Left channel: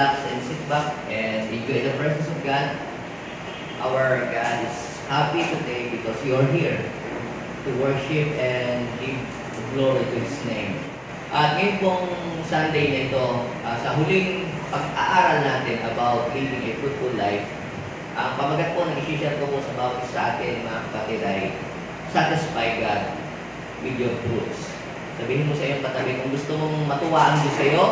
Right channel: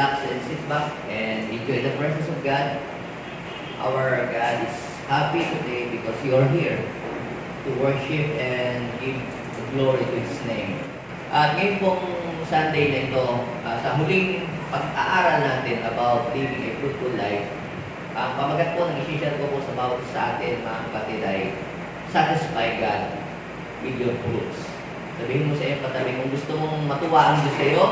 relax and sit back and enjoy the presence of God. Our God is happy today because you are here to worship and give glory to His name. At ngayon pong Sunday na ito, sa huling pag-aaral natin about living a fruitful life, ang pamagat po ng isi-share ko po sa bawat isa sa atin, mga kapatid, ay satisfy God with your fruits. Sabihin mo sa iyong katabi, kung gusto mong matuwa ang Diyos sa iyo,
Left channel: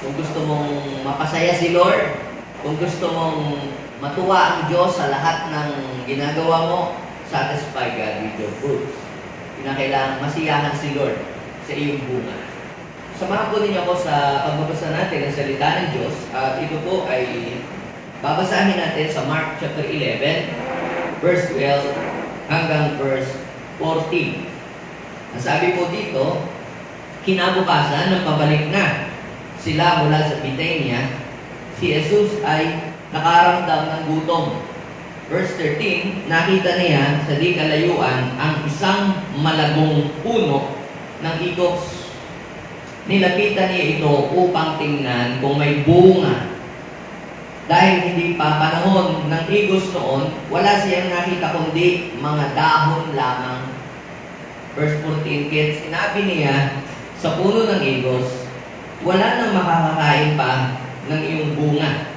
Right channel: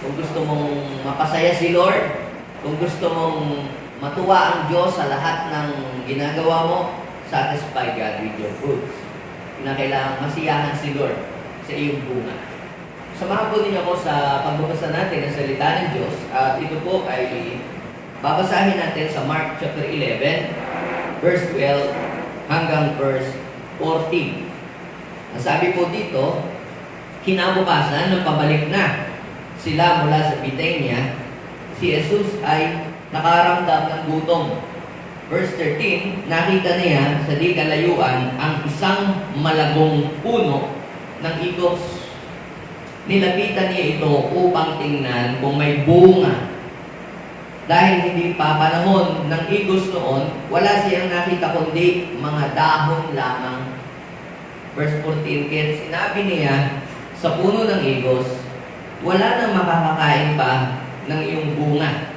kung gusto mong mapasaya si Lord, kung gusto mong matuwa ang Diyos sa lahat ng ginagawa mo, satisfy God with your fruits. Kinakailangan masiyahan si Lord sa iyong bunga. Samahan po ninyo ako sa pagbabasa natin ng salita ng Diyos. At ito po ay babasahin natin sa Mark chapter 11, verse 12 hanggang verse 14. Nasabi po dito, kinabukasan ng pabalik na sila mula sa Bithynia, si Jesus ay nakaramdam ng gutom. Verse 13, nakita niya sa di kalayuan ang isang malagong puno ng igos. Nilapitan niya ito upang tingnan kung may bunga. Dahil hindi pa panahon ng igos noon, wala siyang nakita kundi mga dahon lamang. Verse 14, kaya sinabi niya sa puno ng igos, wala nang makakakain pa ng iyong bunga.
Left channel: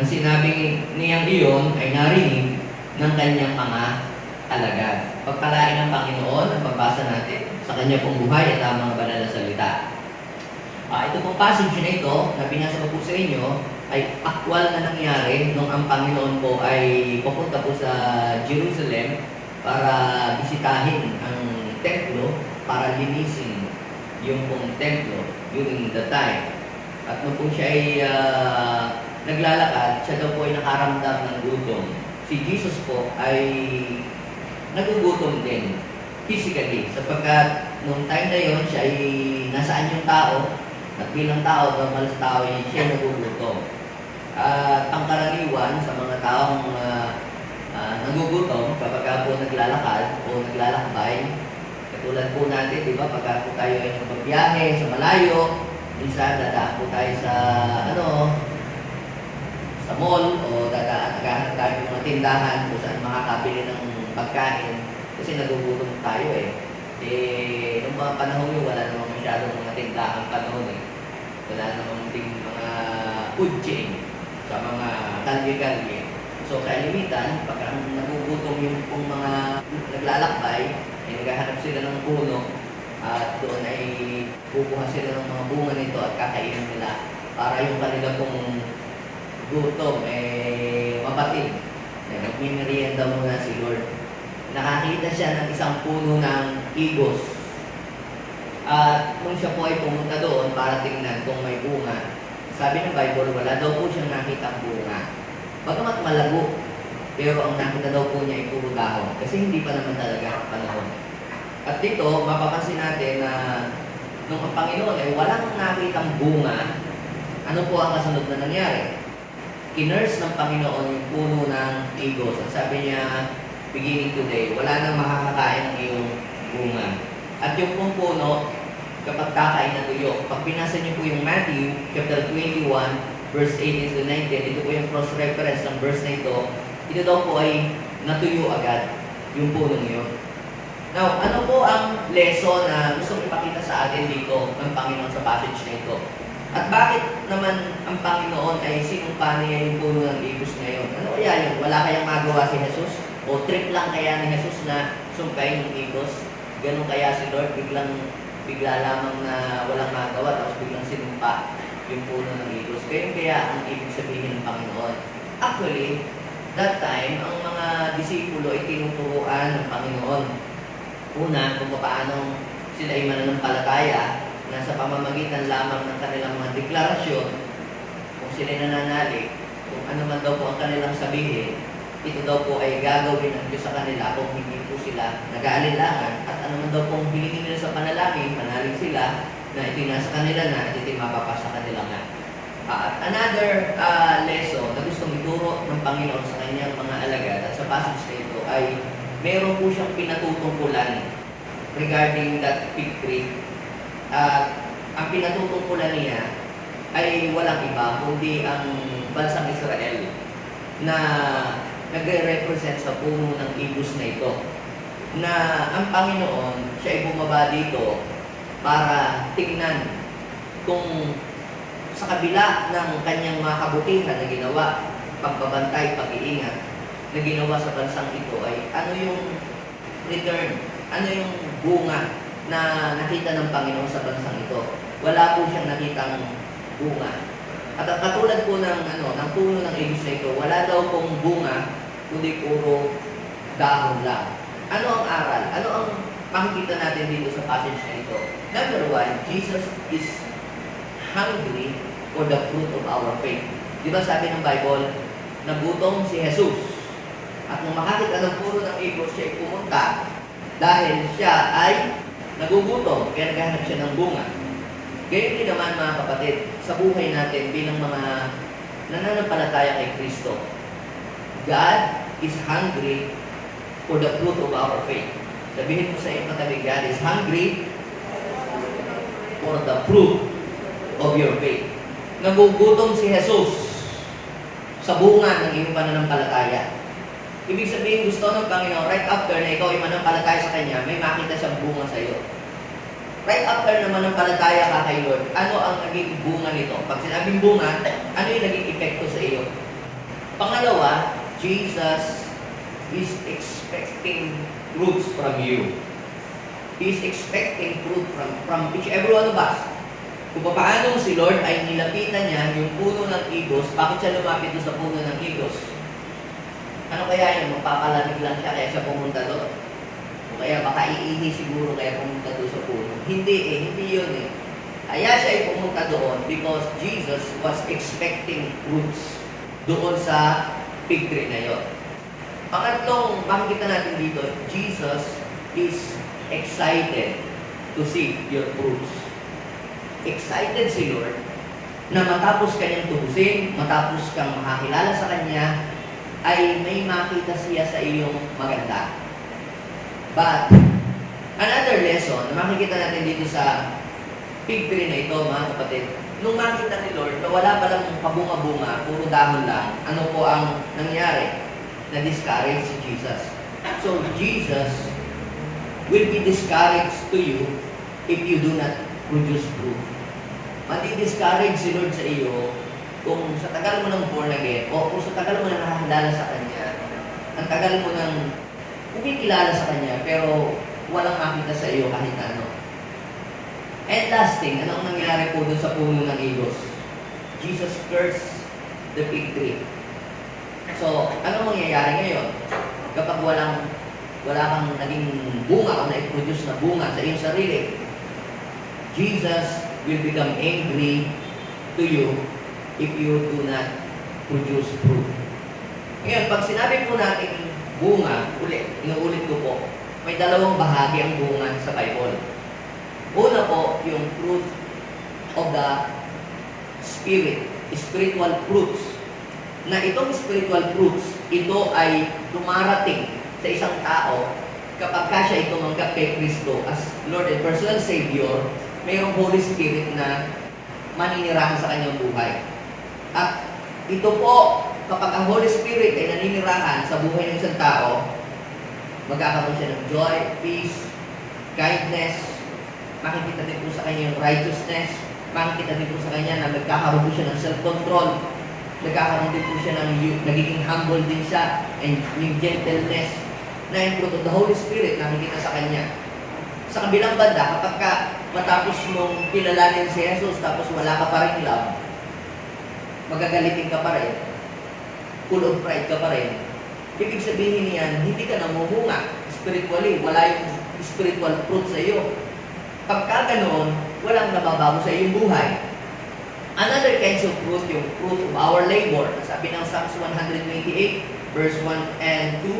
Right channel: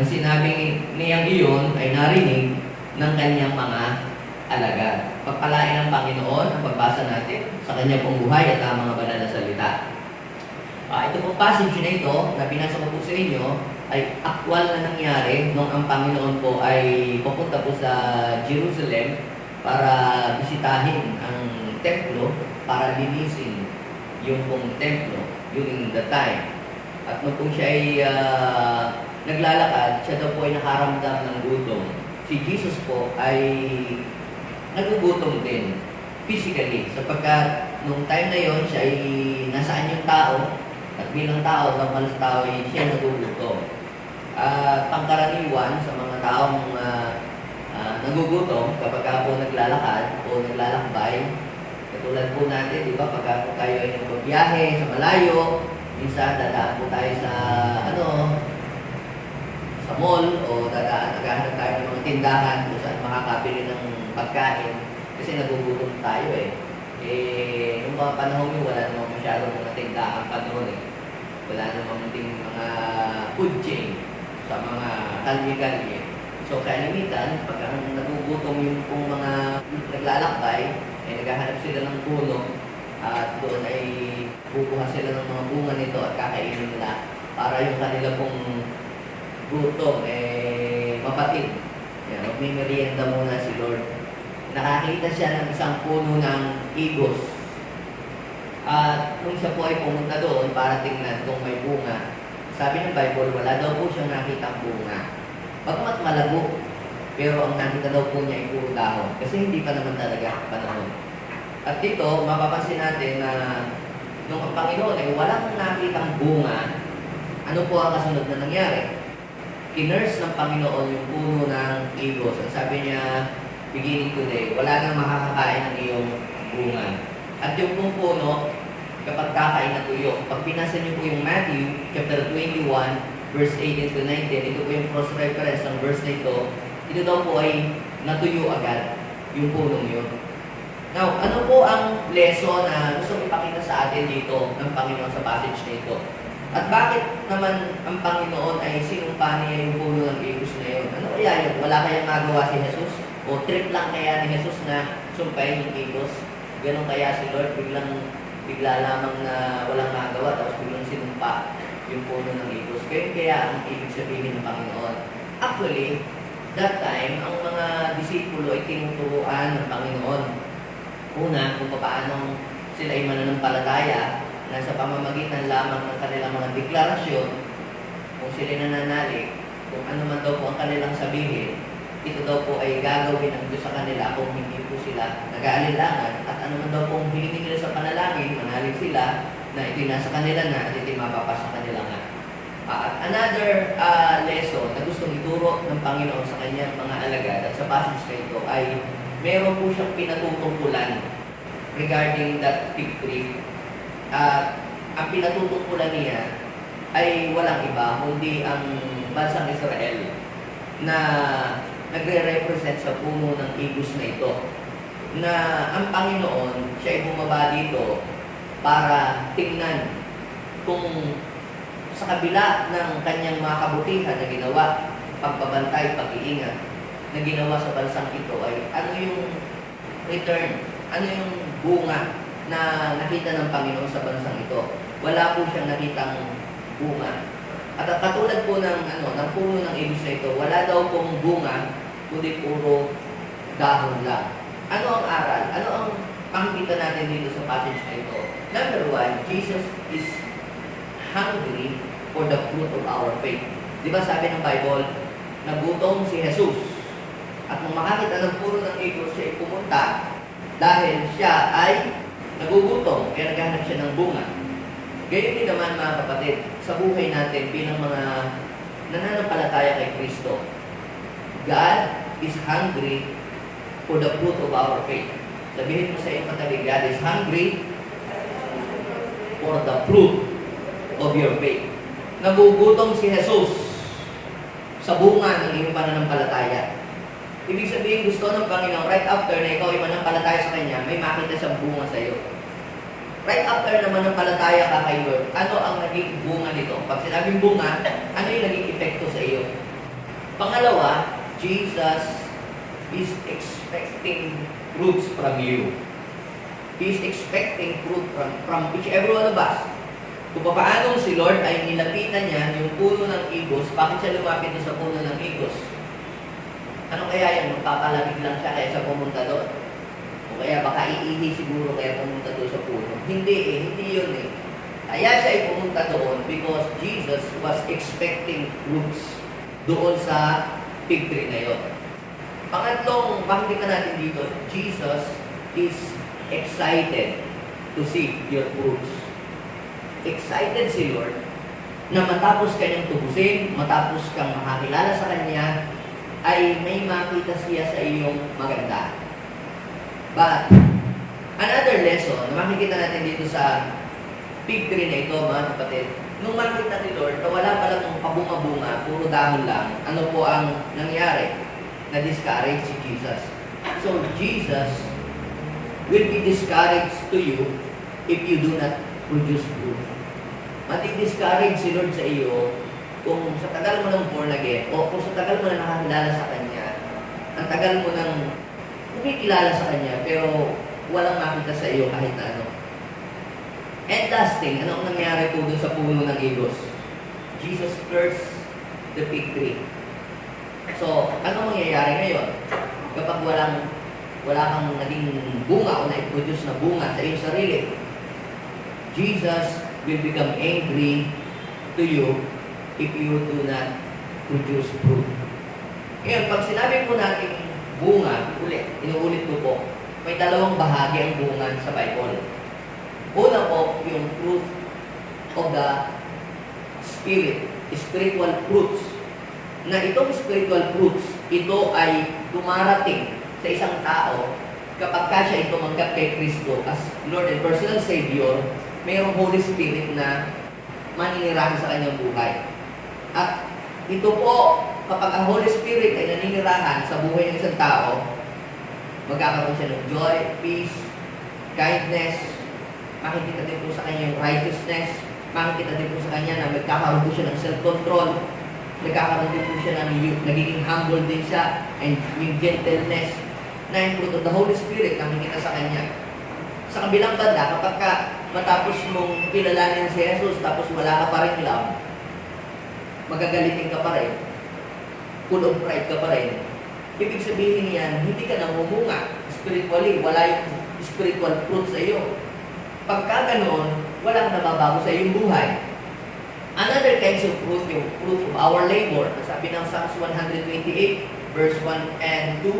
Ang sinabi niyang iyon ay narinig ng kanyang mga alagad. Pagpalain ng Panginoon ang pagbasa natin sa kanya pong buhay at ang mga banal na salita. Ito pong passage na ito na binasa ko po sa inyo ay aktwal na nangyari nung ang Panginoon po ay pupunta po sa Jerusalem para bisitahin ang templo, para linisin yung pong templo during the time. At nung po siya ay naglalakad, siya daw po ay nakaramdam ng gutom. Si Jesus po ay nagugutom din physically sapagkat nung time na yon siya ay nasaan yung tao at bilang tao, normal sa tao ay siya nagugutom. Pangkaraniwan sa mga taong nagugutom kapag po naglalakad o naglalakbay, katulad po natin, di ba, pagka po tayo ay nagbabiyahe sa malayo, minsan dadaan po tayo sa sa mall o naghahanap tayo ng mga tindahan kung saan makakabili ng pagkain kasi nagugutom tayo nung mga panahon yun, wala namang masyadong mga tindahan pa noon wala namang ding mga food chain sa mga kalye-kalye. So kalimitan, pag ang nagugutom yung pong mga naglalakbay, ay naghahanap sila ng puno at doon ay kukuha sila ng mga bunga nito at kakainin nila para yung kanila pong gutom mapatid. Magmimerienda muna si Lord. Nakakita siya ng isang puno ng igos. At nung siya po ay pumunta doon para tingnan kung may bunga, sabi ng Bible, wala daw po siyang nakitang bunga. Bagamat malago, pero ang nakita daw po niya ay puro dahon kasi hindi pa naman talaga panahon. At dito, mapapansin natin na nung ang Panginoon ay walang nakitang bunga, ano po ang kasunod na nangyari? Kinurse ng Panginoon yung puno ng igos. Ang sabi niya, beginning today, wala nang makakakain ng iyong bunga. At yung pong puno, kapag kakain na tuyo, pag pinasa niyo po yung Matthew, chapter 21, verse 18 to 19, ito po yung cross-reference ng verse na ito daw po ay natuyo agad yung punong yun. Now, ano po ang lesson na gusto ipakita sa atin dito ng Panginoon sa passage na ito? At bakit naman ang Panginoon ay sinumpa niya yung puno ng igos na yun? Ano kaya yun? Wala kayang magawa si Jesus? O trip lang kaya ni Jesus na sumpain yung igos? Ganon kaya si Lord bigla lamang na walang magawa tapos biglang sinumpa yung puno ng igos? Kaya ang ibig sabihin ng Panginoon. Actually, that time, ang mga disipulo ay tinuturuan ng Panginoon. Una, kung paano sila ay mananampalataya na sa pamamagitan lamang ng kanilang mga deklarasyon, kung sila nananalig, kung ano man daw po ang kanilang sabihin, ito daw po ay gagawin ng Diyos sa kanila kung hindi po sila nag-aalinlangan. At ano man daw pong hilingin nila sa panalangin, manalig sila na ito nasa kanila na at ito mapapasa kanila nga. At another lesson na gustong ituro ng Panginoon sa kanyang mga alagad at sa passage na ito ay meron po siyang pinatutungkulan regarding that fig tree. Ang pinatutungkulan niya ay walang iba kundi ang bansang Israel na nagre-represent sa puno ng ibus na ito. Na ang Panginoon, siya ay bumaba dito para tingnan kung sa kabila ng kanyang mga kabutihan na ginawa, pagbabantay, pag-iingat, na ginawa sa bansang ito ay ano yung return, ano yung bunga na nakita ng Panginoon sa bansang ito. Wala po siyang nakitang bunga. At katulad po ng puno ng ibis na ito, wala daw pong bunga, kundi puro dahon lang. Ano ang aral? Ano ang makikita natin dito sa passage na ito? Number one, Jesus is hungry for the fruit of our faith. Di ba sabi ng Bible, nagutom si Jesus. At nung makakita ng puno ng ibos, siya ay pumunta dahil siya ay nagugutom, kaya naghahanap siya ng bunga. Gayon din naman mga kapatid, sa buhay natin bilang mga nananampalataya kay Kristo, God is hungry for the fruit of our faith. Sabihin mo sa iyong katabi, God is hungry for the fruit of your faith. Nagugutom si Jesus sa bunga ng iyong pananampalataya. Ibig sabihin, gusto ng Panginoon, right after na ikaw ay manampalataya sa Kanya, may makita siyang bunga sa iyo. Right after na manampalataya ka kay Lord, ano ang naging bunga nito? Pag sinabing bunga, ano yung naging epekto sa iyo? Pangalawa, Jesus is expecting fruits from you. He is expecting fruit from each every one of us. Kung paano si Lord ay nilapitan niya yung puno ng igos, bakit siya lumapit sa puno ng igos? Ano kaya yun? Magpapalamig lang siya kaya siya pumunta doon? O kaya baka iihi siguro kaya pumunta doon sa puno? Hindi yun eh. Kaya siya ay pumunta doon because Jesus was expecting fruits doon sa fig tree na yun. Pangatlong, makikita natin dito, Jesus is excited to see your fruits. Excited si Lord na matapos kanyang tubusin, matapos kang makakilala sa Kanya, ay may makita siya sa iyong maganda. But, another lesson na makikita natin dito sa fig tree na ito, mga kapatid, nung makita ni Lord na wala palang pabunga-bunga, puro dahon lang, ano po ang nangyari? Na-discourage si Jesus. So, Jesus will be discouraged to you if you do not produce fruit. Mati-discourage si Lord sa iyo kung sa tagal mo ng born again o kung sa tagal mo na nakakilala sa Kanya, ang tagal mo nang kumikilala sa Kanya pero walang makita sa iyo kahit ano. And last thing, ano ang nangyari po dun sa puno ng igos? Jesus cursed the fig tree. So, ano mangyayari ngayon? Kapag wala kang naging bunga o na-produce na bunga sa iyong sarili, Jesus will become angry to you if you do not produce fruit. Ngayon, pag sinabi po natin bunga, inuulit ko po, may dalawang bahagi ang bunga sa Bible. Una po, yung fruit of the Spirit, spiritual fruits. Na itong spiritual fruits, ito ay dumarating sa isang tao kapag siya ay tumanggap kay Kristo as Lord and personal Savior, mayroong Holy Spirit na maninirahan sa kanyang buhay. At ito po, kapag ang Holy Spirit ay naninirahan sa buhay ng isang tao, magkakaroon siya ng joy, peace, kindness, makikita din po sa kanya yung righteousness, makikita din po sa kanya na magkakaroon po siya ng self-control, nagkakaroon din po siya ng nagiging humble din siya, and yung gentleness na yung fruit of the Holy Spirit nakikita sa kanya. Sa kabilang banda, kapag matapos mong kilalanin si Jesus tapos wala ka pa rin love, magagalitin ka pa rin, full of pride ka pa rin, ibig sabihin niyan, hindi ka namumunga spiritually, wala yung spiritual fruit sa iyo. Pagka ganoon, walang nababago sa iyong buhay. Another kinds of fruit, yung fruit of our labor. Sabi ng Psalms 128, verse 1 and 2,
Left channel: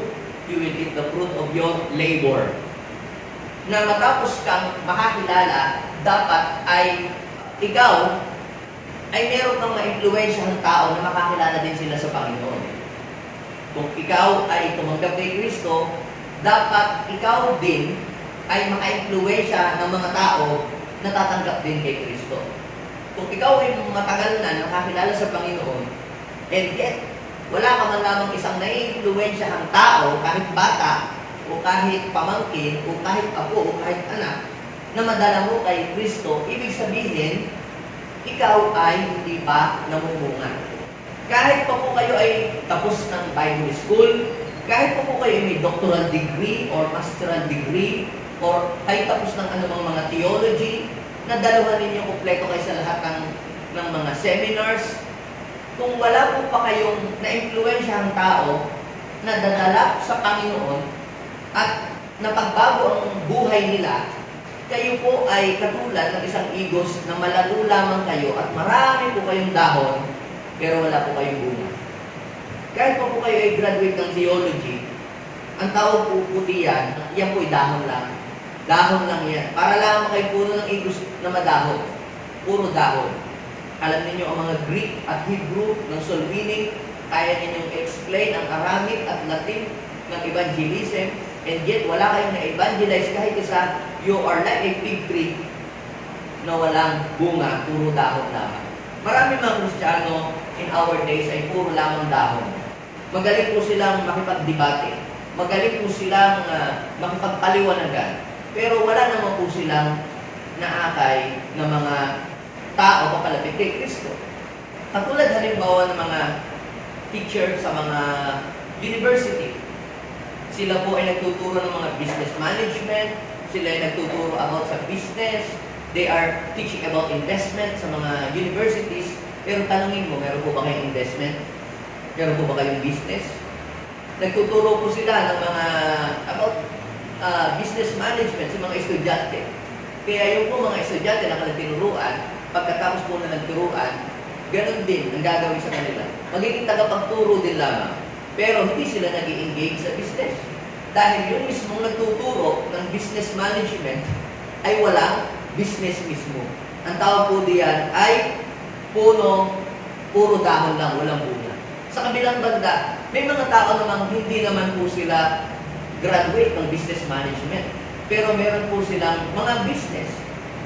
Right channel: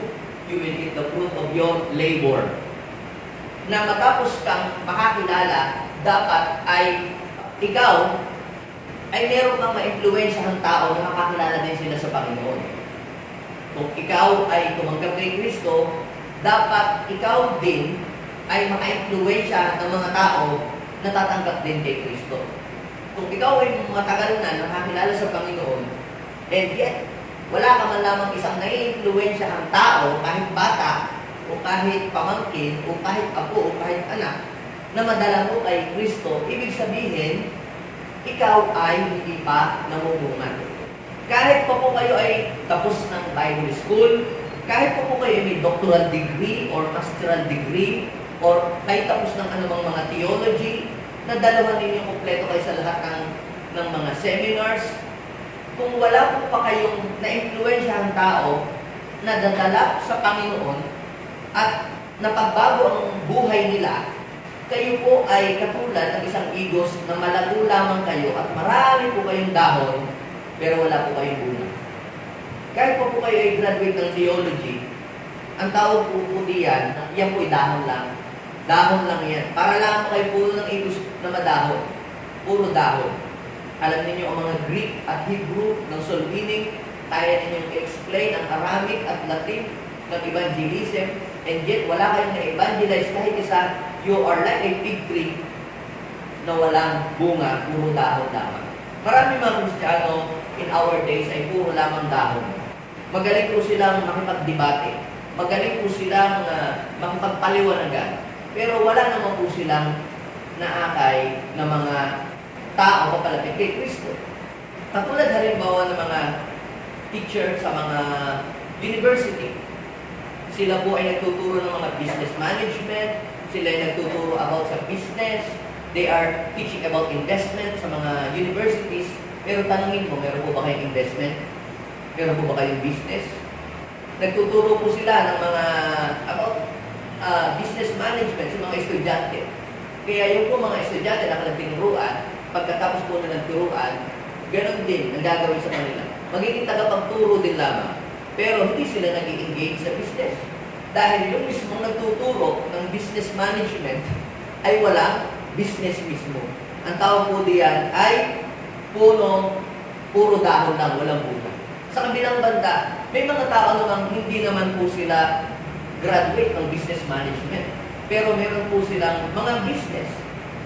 you will eat the fruit of your labor. Na matapos kang makakilala, dapat ay ikaw ay meron kang ma-impluwensyahang tao na makakilala din sila sa Panginoon. Kung ikaw ay tumanggap kay Kristo, dapat ikaw din ay maka-impluwensya ng mga tao na tatanggap din kay Kristo. Kung ikaw ay matagal na nakakilala sa Panginoon, and yet, wala ka man lamang isang nai-influensyahang tao, kahit bata, o kahit pamangkin, o kahit apo, o kahit anak, na madala mo kay Kristo, ibig sabihin, ikaw ay hindi pa namumungan. Kahit pa po kayo ay tapos ng Bible school, kahit pa po kayo ay may doctoral degree or masteral degree, or kayo tapos ng anumang mga theology, na dalawa ninyo kompleto kayo sa lahat ng mga seminars, kung wala po pa kayong na-influensyahang tao na dadala sa Panginoon at napagbago ang buhay nila, kayo po ay katulad ng isang igos na malago lamang kayo at marami po kayong dahon, pero wala po kayong bunga. Kahit po kayo ay graduate ng theology, ang tawag po diyan, yan po ay dahon lang. Dahon lang yan. Para lang kayo puno ng igos na madahon. Puro dahon. Alam niyo ang mga Greek at Hebrew ng soul winning, kaya ninyong explain ang Aramaic at Latin ng evangelism, and yet wala kayong na-evangelize kahit isa, you are like a fig tree na walang bunga, puro dahon lamang. Marami mga Kristiyano in our days ay puro lamang dahon. Magaling po silang makipagdebate. Magaling po silang makipagpaliwanagan. Pero wala naman po silang naakay na mga tao papalapit kay Kristo. Katulad halimbawa ng mga teacher sa mga university. Sila po ay nagtuturo ng mga business management, sila ay nagtuturo about sa business, they are teaching about investment sa mga universities, pero tanungin mo, meron po ba kayong investment? Meron po ba kayong business? Nagtuturo po sila ng mga about business management sa mga estudyante. Kaya yung po mga estudyante na tinuruan, pagkatapos po na nagturuan, ganun din ang gagawin sa kanila. Magiging tagapagturo din lamang. Pero hindi sila nag-i-engage sa business. Dahil yung mismong nagtuturo ng business management ay walang business mismo. Ang tawag po diyan ay puro dahon lang, walang bunga. Sa kabilang banda, may mga tao namang hindi naman po sila graduate ng business management. Pero meron po silang mga business.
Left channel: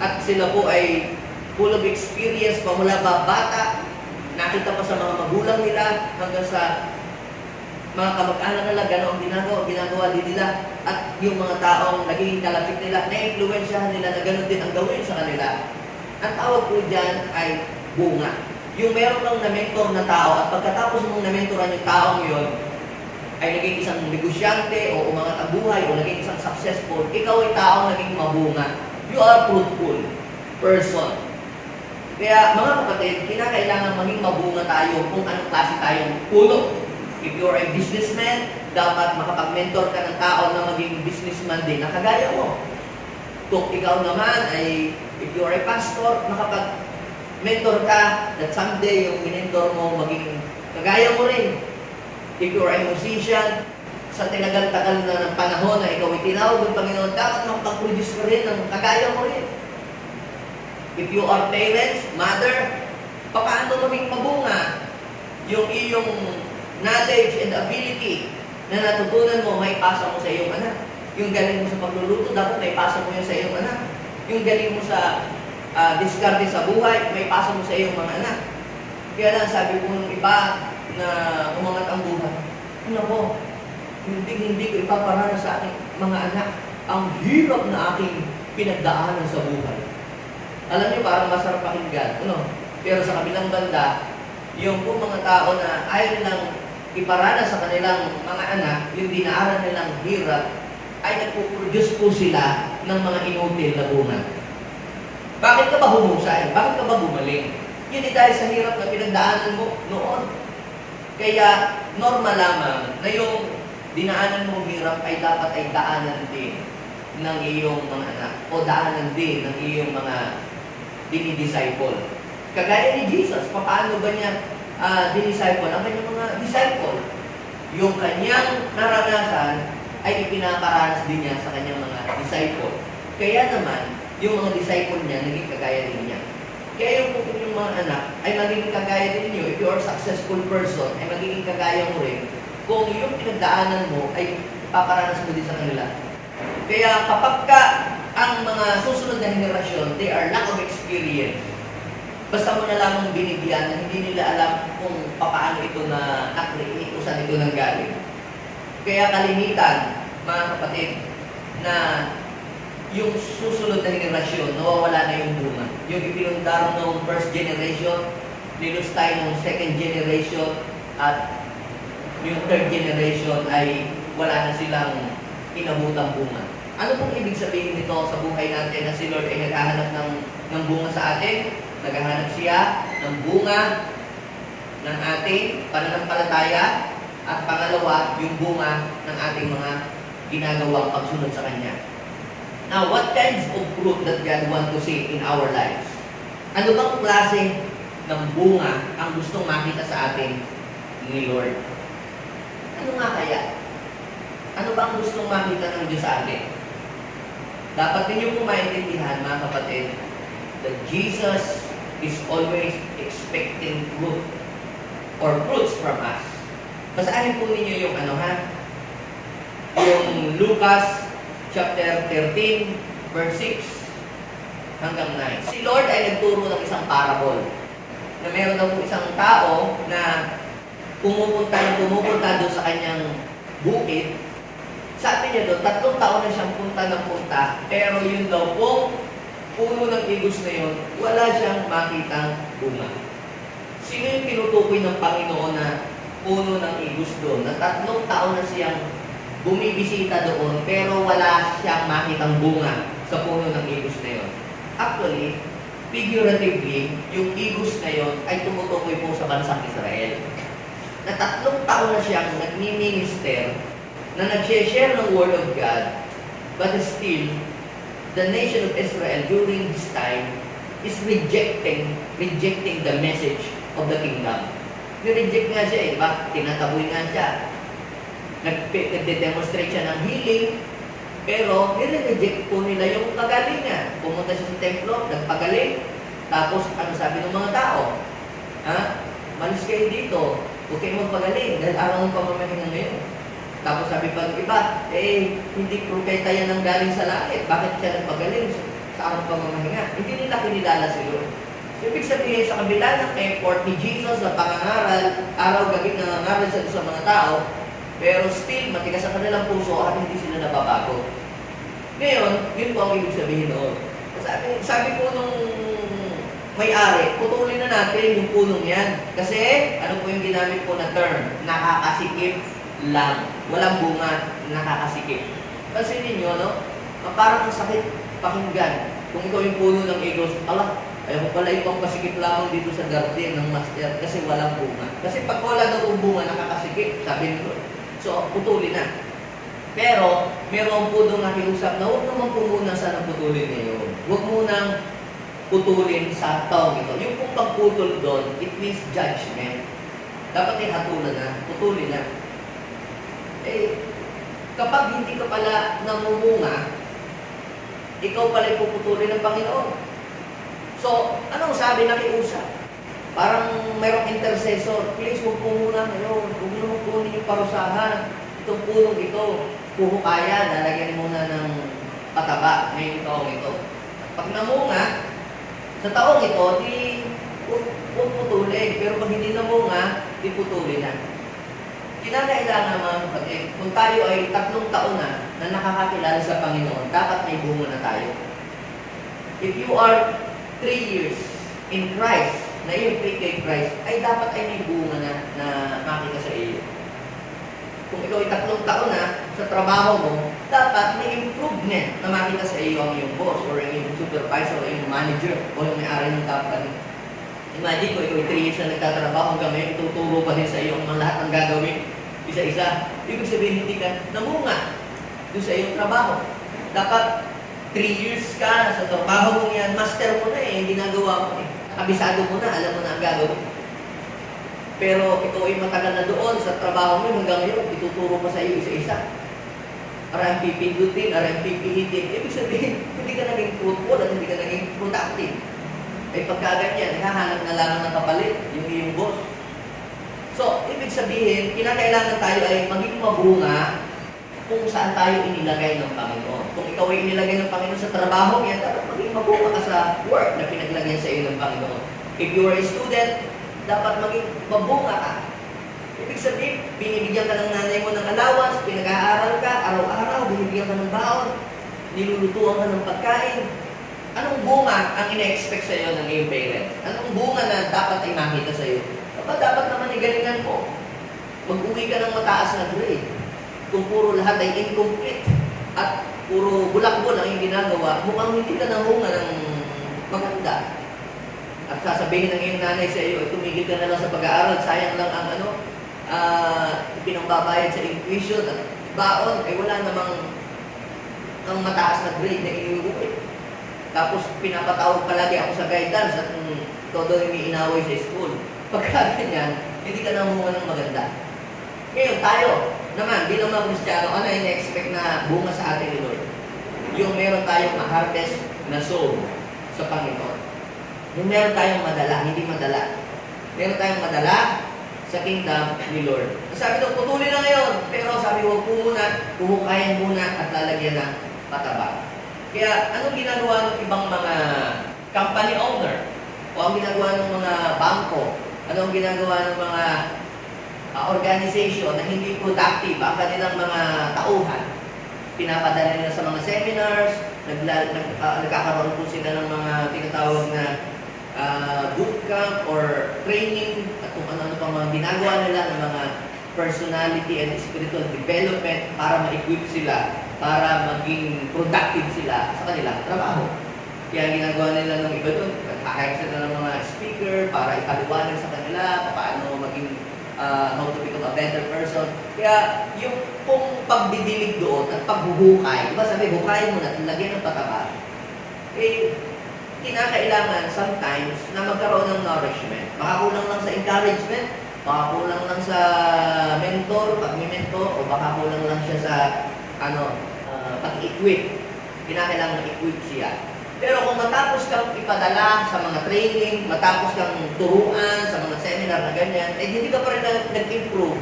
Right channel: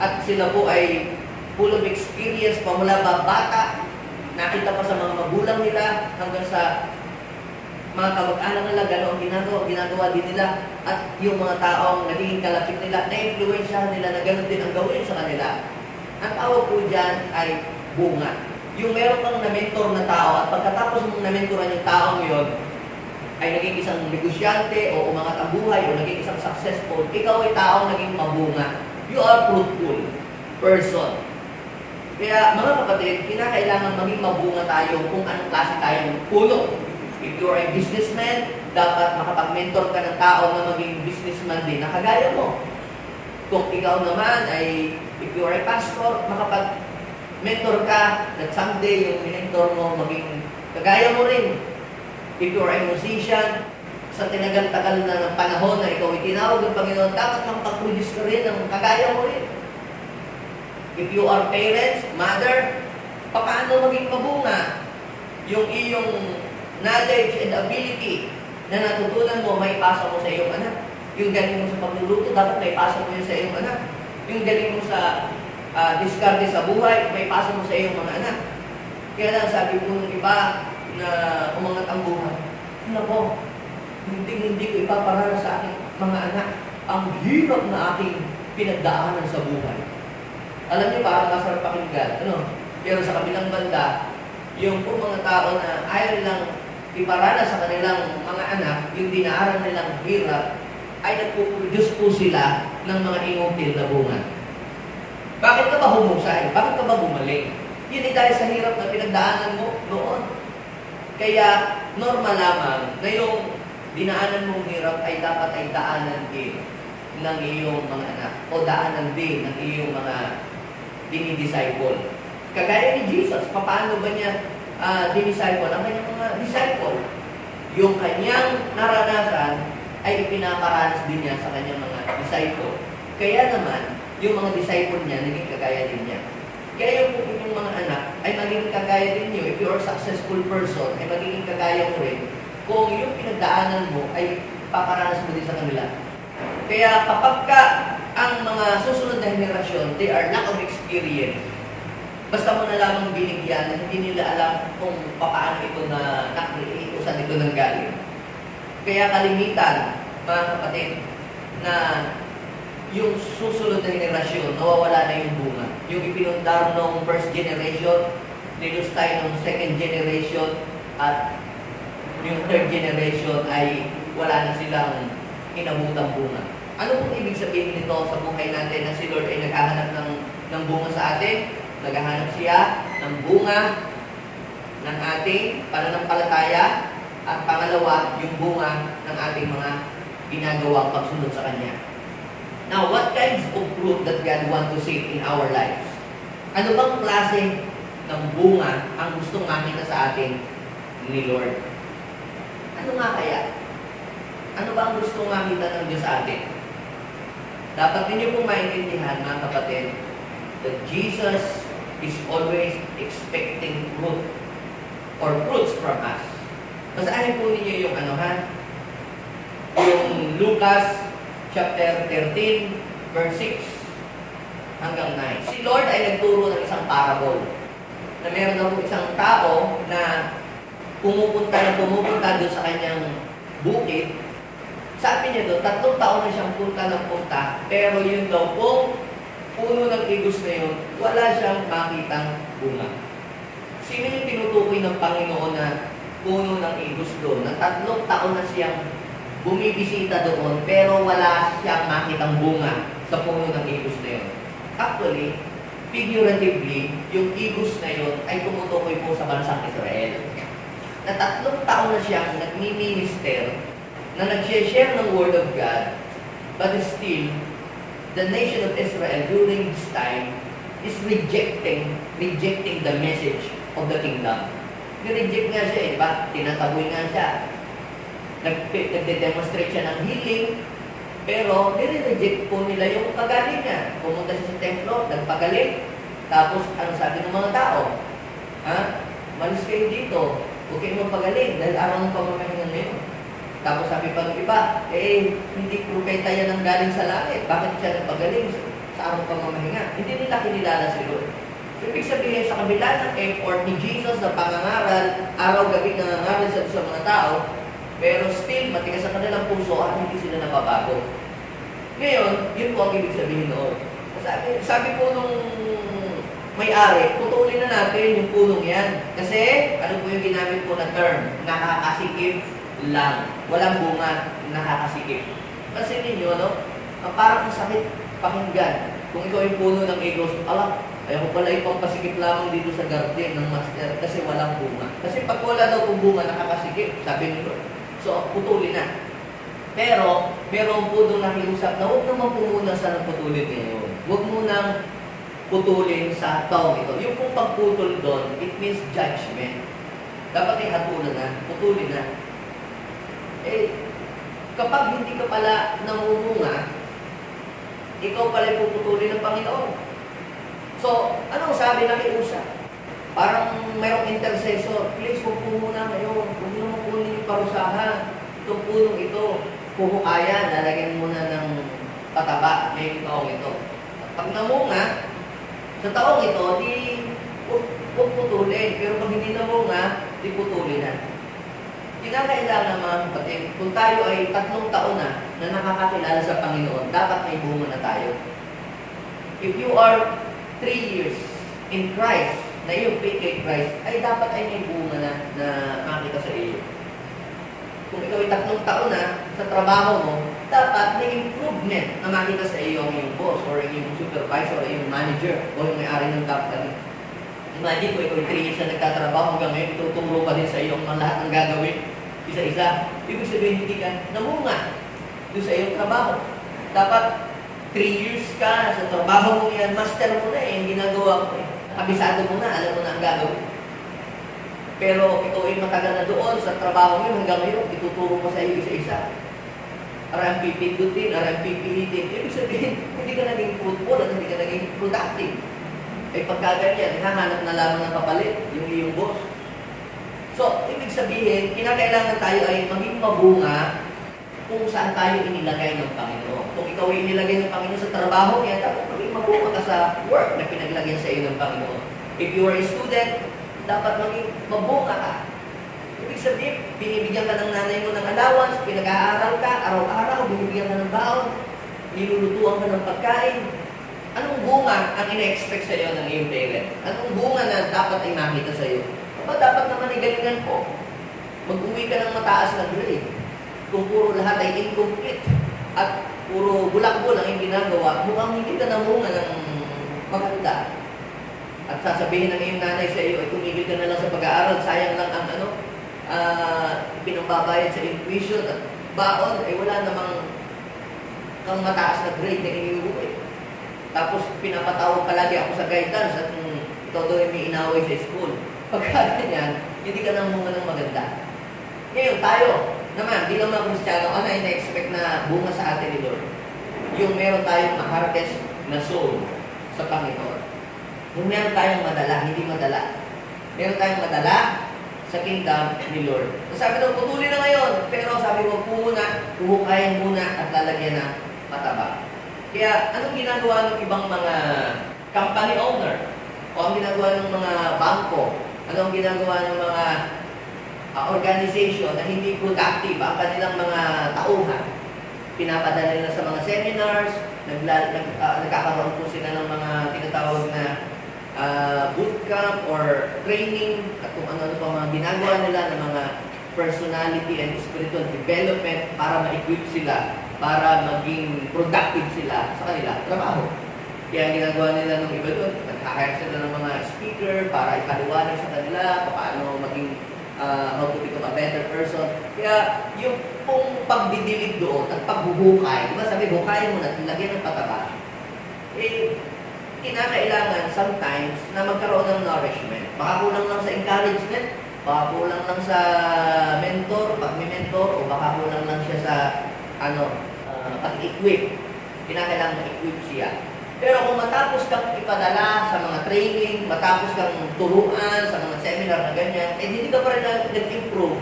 At sila po ay full of experience pa mula bata, nakita pa sa mga magulang nila hanggang sa mga kamag-anak nila, gano'n ang ginagawa din nila. At yung mga taong naging kalapit nila, na-influensyahan nila na gano'n din ang gawin sa kanila. Ang tawag po dyan ay bunga. Yung meron kang na-mentor na tao at pagkatapos mong na-mentoran yung taong yun, ay naging isang negosyante o umangat ang buhay o naging isang successful, ikaw ay taong naging mabunga. You are fruitful person. Kaya mga kapatid, kinakailangan maging mabunga tayo kung anong klase tayong puno. If you are a businessman, dapat makapag-mentor ka ng tao na maging businessman din na kagaya mo. Kung ikaw naman ay, if you are a pastor, makapag-mentor ka that someday yung minentor mo maging kagaya mo rin. If you are a musician, sa tinagal-tagal na ng panahon na ikaw ay tinawag ng Panginoon, dapat makapag-produce ka rin ng kagaya mo rin. If you are parents, mother, paano maging mabunga? Yung iyong knowledge and ability na natutunan mo, may pasa mo sa iyong anak. Yung galing mo sa pagluluto, dapat may pasa mo yun sa iyong anak. Yung galing mo sa diskarte sa buhay, may pasa mo sa iyong mga anak. Kaya lang sabi po ng iba na umangat ang buhay, nako, hindi ko ipaparana sa aking mga anak ang hirap na aking pinagdaanan sa buhay. Alam niyo, parang masarap pakinggan, pero sa kabilang banda, yung po mga tao na ayaw nilang iparana sa kanilang mga anak, yung dinaaran nilang hirap, ay nagpuproduce po sila ng mga inutil na bunga. Bakit ka ba humusay? Bakit ka ba gumaling? Yun ay dahil sa hirap na pinagdaanan mo noon. Kaya normal lamang na yung dinaanan mong hirap ay dapat ay daanan din ng iyong mga anak o daanan din ng iyong mga dinidisciple. Kagaya ni Jesus, paano ba niya dinisciple ang kanyang mga disciple? Yung kanyang naranasan ay ipinaparanas din niya sa kanyang mga disciple. Kaya naman, yung mga disciple niya, naging kagaya din niya. Kaya yung inyong mga anak ay magiging kagaya din niyo. If you are a successful person, ay magiging kagaya mo rin kung yung pinagdaanan mo ay paparanas mo din sa kanila. Kaya kapag ka ang mga susunod na henerasyon, they are lack of experience, Basta mo na lamang binigyan na hindi nila alam kung paano ito na na-create o saan ito nanggaling. Kaya kalimitan, mga kapatid, na yung susunod na henerasyon, nawawala na yung bunga. Yung ipinundar ng first generation, nilos tayo ng second generation, at yung third generation ay wala na silang inabutang bunga. Ano pong ibig sabihin nito sa buhay natin na si Lord ay naghahanap ng bunga sa atin? Naghahanap siya ng bunga ng ating pananampalataya, at pangalawa, yung bunga ng ating mga ginagawang pagsunod sa Kanya. Now, what kinds of fruit that God want to see in our lives? Ano bang klase ng bunga ang gustong makita sa atin ni Lord? Ano nga kaya? Ano ba ang gustong makita ng Diyos sa atin? Dapat ninyo pong maintindihan, mga kapatid, that Jesus is always expecting fruit or fruits from us. Basahin po ninyo yung yung Lucas chapter 13, verse 6 hanggang 9. Si Lord ay nagturo ng isang parable na meron daw isang tao na pumupunta doon sa kanyang bukid. Sabi niya doon, 3 taon na siyang punta ng punta, pero yun daw pong puno ng igos na yun, wala siyang makitang bunga. Sino yung tinutukoy ng Panginoon na puno ng igos doon? Na 3 taon na siyang bumibisita doon, pero wala siyang makitang bunga sa puno ng igos na yun. Actually, figuratively, yung igos na yun ay tumutukoy po sa bansang Israel. Na 3 taon na siyang nagmi-minister, na nag-share ng Word of God, but still, the nation of Israel during this time is rejecting the message of the kingdom. Nireject nga siya, di ba? Tinataboy nga siya. Nagde-demonstrate siya ng healing, pero nire-reject po nila yung kagalingan. Pumunta siya sa templo, nagpagaling, tapos ano sabi ng mga tao? Malis kayo dito, huwag kayo magpagaling, dahil araw ng pamamahinga ngayon. Tapos sabi pa ng iba, hindi propeta yan ang galing sa langit. Bakit siya nagpagaling sa araw ng pamamahinga? Hindi nila kinilala si Lord. So, ibig sabihin, sa kabila ng effort ni Jesus na pangangaral, araw-gabi nangangaral siya sa mga tao, pero still, matigas sa kanilang puso at hindi sila nababago. Ngayon, yun po ang ibig sabihin noon. Sabi po nung may-ari, putulin na natin yung punong yan. Kasi, ano po yung ginamit po na term? Nakakasikip lang. Walang bunga, nakakasikip. Kasi ninyo, parang sakit pakinggan. Kung ikaw yung puno ng igos, ayaw ko pala ipang pasikip lamang dito sa garden ng master kasi walang bunga. Kasi pag wala daw kung bunga, nakakasikip, sabi ni Lord. So, putulin na. Pero, meron po doon nakiusap na huwag naman po muna sana putulin ngayon. Huwag munang putulin sa taong ito. Yung pong pagputol doon, it means judgment. Dapat hatulan na, putulin na. Kapag hindi ka pala namumunga, ikaw pala puputulin ng Panginoon. So, anong sabi nakiusap? Parang mayroong intercessor, please huwag po muna ngayon, huwag naman po ninyong parusahan. Itong punong ito, puhukayan, nalagyan muna ng pataba ngayong taong ito. Pag namunga, sa taong ito, di huwag putulin. Pero pag hindi namunga, di putulin na. Kinakailangan mga kapatid, kung tayo ay 3 taon na nakakakilala sa Panginoon, dapat may bunga na tayo. If you are 3 years in Christ, na iyong faith kay Christ, ay dapat ay may bunga na makita sa iyo. Kung ikaw ay 3 taon na sa trabaho mo, dapat may improvement na makita sa iyo ang iyong boss, or yung supervisor, or yung manager, o yung may-ari ng company. Imagine ko, ikaw ay 3 years na nagtatrabaho hanggang ngayon, ituturo pa din sa iyo ang lahat ng gagawin, isa-isa. Ibig sabihin, hindi ka namunga doon sa iyong trabaho. Dapat 3 years ka sa trabaho mo yan, master mo na ginagawa mo kabisado mo na, alam mo na ang gagawin. Pero ikaw ay matagal na doon sa trabaho mo hanggang ngayon, ituturo mo sa iyo isa-isa. RMP pindutin, RMP pihitin. Ibig sabihin, hindi ka naging fruitful at hindi ka naging productive. Ay pagkaganyan, hahanap na lamang ng kapalit, yung iyong boss. So, ibig sabihin, kinakailangan tayo ay maging mabunga kung saan tayo inilagay ng Panginoon. Kung ikaw ay inilagay ng Panginoon sa trabaho, yan dapat maging mabunga ka sa work na pinaglagyan sa iyo ng Panginoon. If you are a student, dapat maging mabunga ka. Ibig sabihin, binibigyan ka ng nanay mo ng allowance, pinag-aaral ka, araw-araw, binibigyan ka ng baon, nilulutuan ka ng pagkain. Anong bunga ang ina-expect sa iyo ng iyong parents? Anong bunga na dapat ay makita sa iyo? Dapat naman ay galingan mo. Mag-uwi ka ng mataas na grade. Kung puro lahat ay incomplete at puro bulakbol ang iyong ginagawa, mukhang hindi ka namunga ng maganda. At sasabihin ng iyong nanay sa iyo, ay tumigil ka na lang sa pag-aaral, sayang lang ang pinambabayad sa tuition at baon, ay wala namang kang mataas na grade na iniuwi. Tapos pinapatawag palagi ako sa guidance at todo yung may inaway sa school. Pagka ganyan, hindi ka namunga ng maganda. Ngayon, tayo naman, bilang mga Kristiyano, ano yung na-expect na bunga sa atin ni Lord? Yung meron tayong ma-harvest na soul sa Panginoon. Yung meron tayong madala, hindi madala. Meron tayong madala sa kingdom ni Lord. Sabi daw, putulin na ngayon. Pero sabi, huwag po muna, huhukayin muna at lalagyan ng pataba. Kaya, anong ginagawa ng ibang mga company owner? O ang ginagawa ng mga bangko? Anong ginagawa ng mga organization na hindi productive ang kanilang mga tauhan? Pinapadala nila sa mga seminars, nagkakaroon po sila ng mga tinatawag na bootcamp or training at kung ano-ano pa mga ginagawa nila ng mga personality and spiritual development para ma-equip sila, para maging productive sila sa kanila trabaho. Kaya ginagawa nila ng iba doon, nag-hire sila ng mga speaker para ipaliwanag sa kanila paano maging how to become a better person. Kaya yung pong pagdidilig doon at paghuhukay, diba sabi, hukayin mo na, lagyan ng pataba, kinakailangan sometimes na magkaroon ng nourishment. Baka kulang lang sa encouragement, baka kulang lang sa mentor, pag may mentor, o baka kulang lang siya sa pag-equip. Kinakailangan ma-equip siya. Pero kung matapos kang ipadala sa mga training, matapos kang turuan sa mga seminar na ganyan, hindi ka pa rin nag-improve.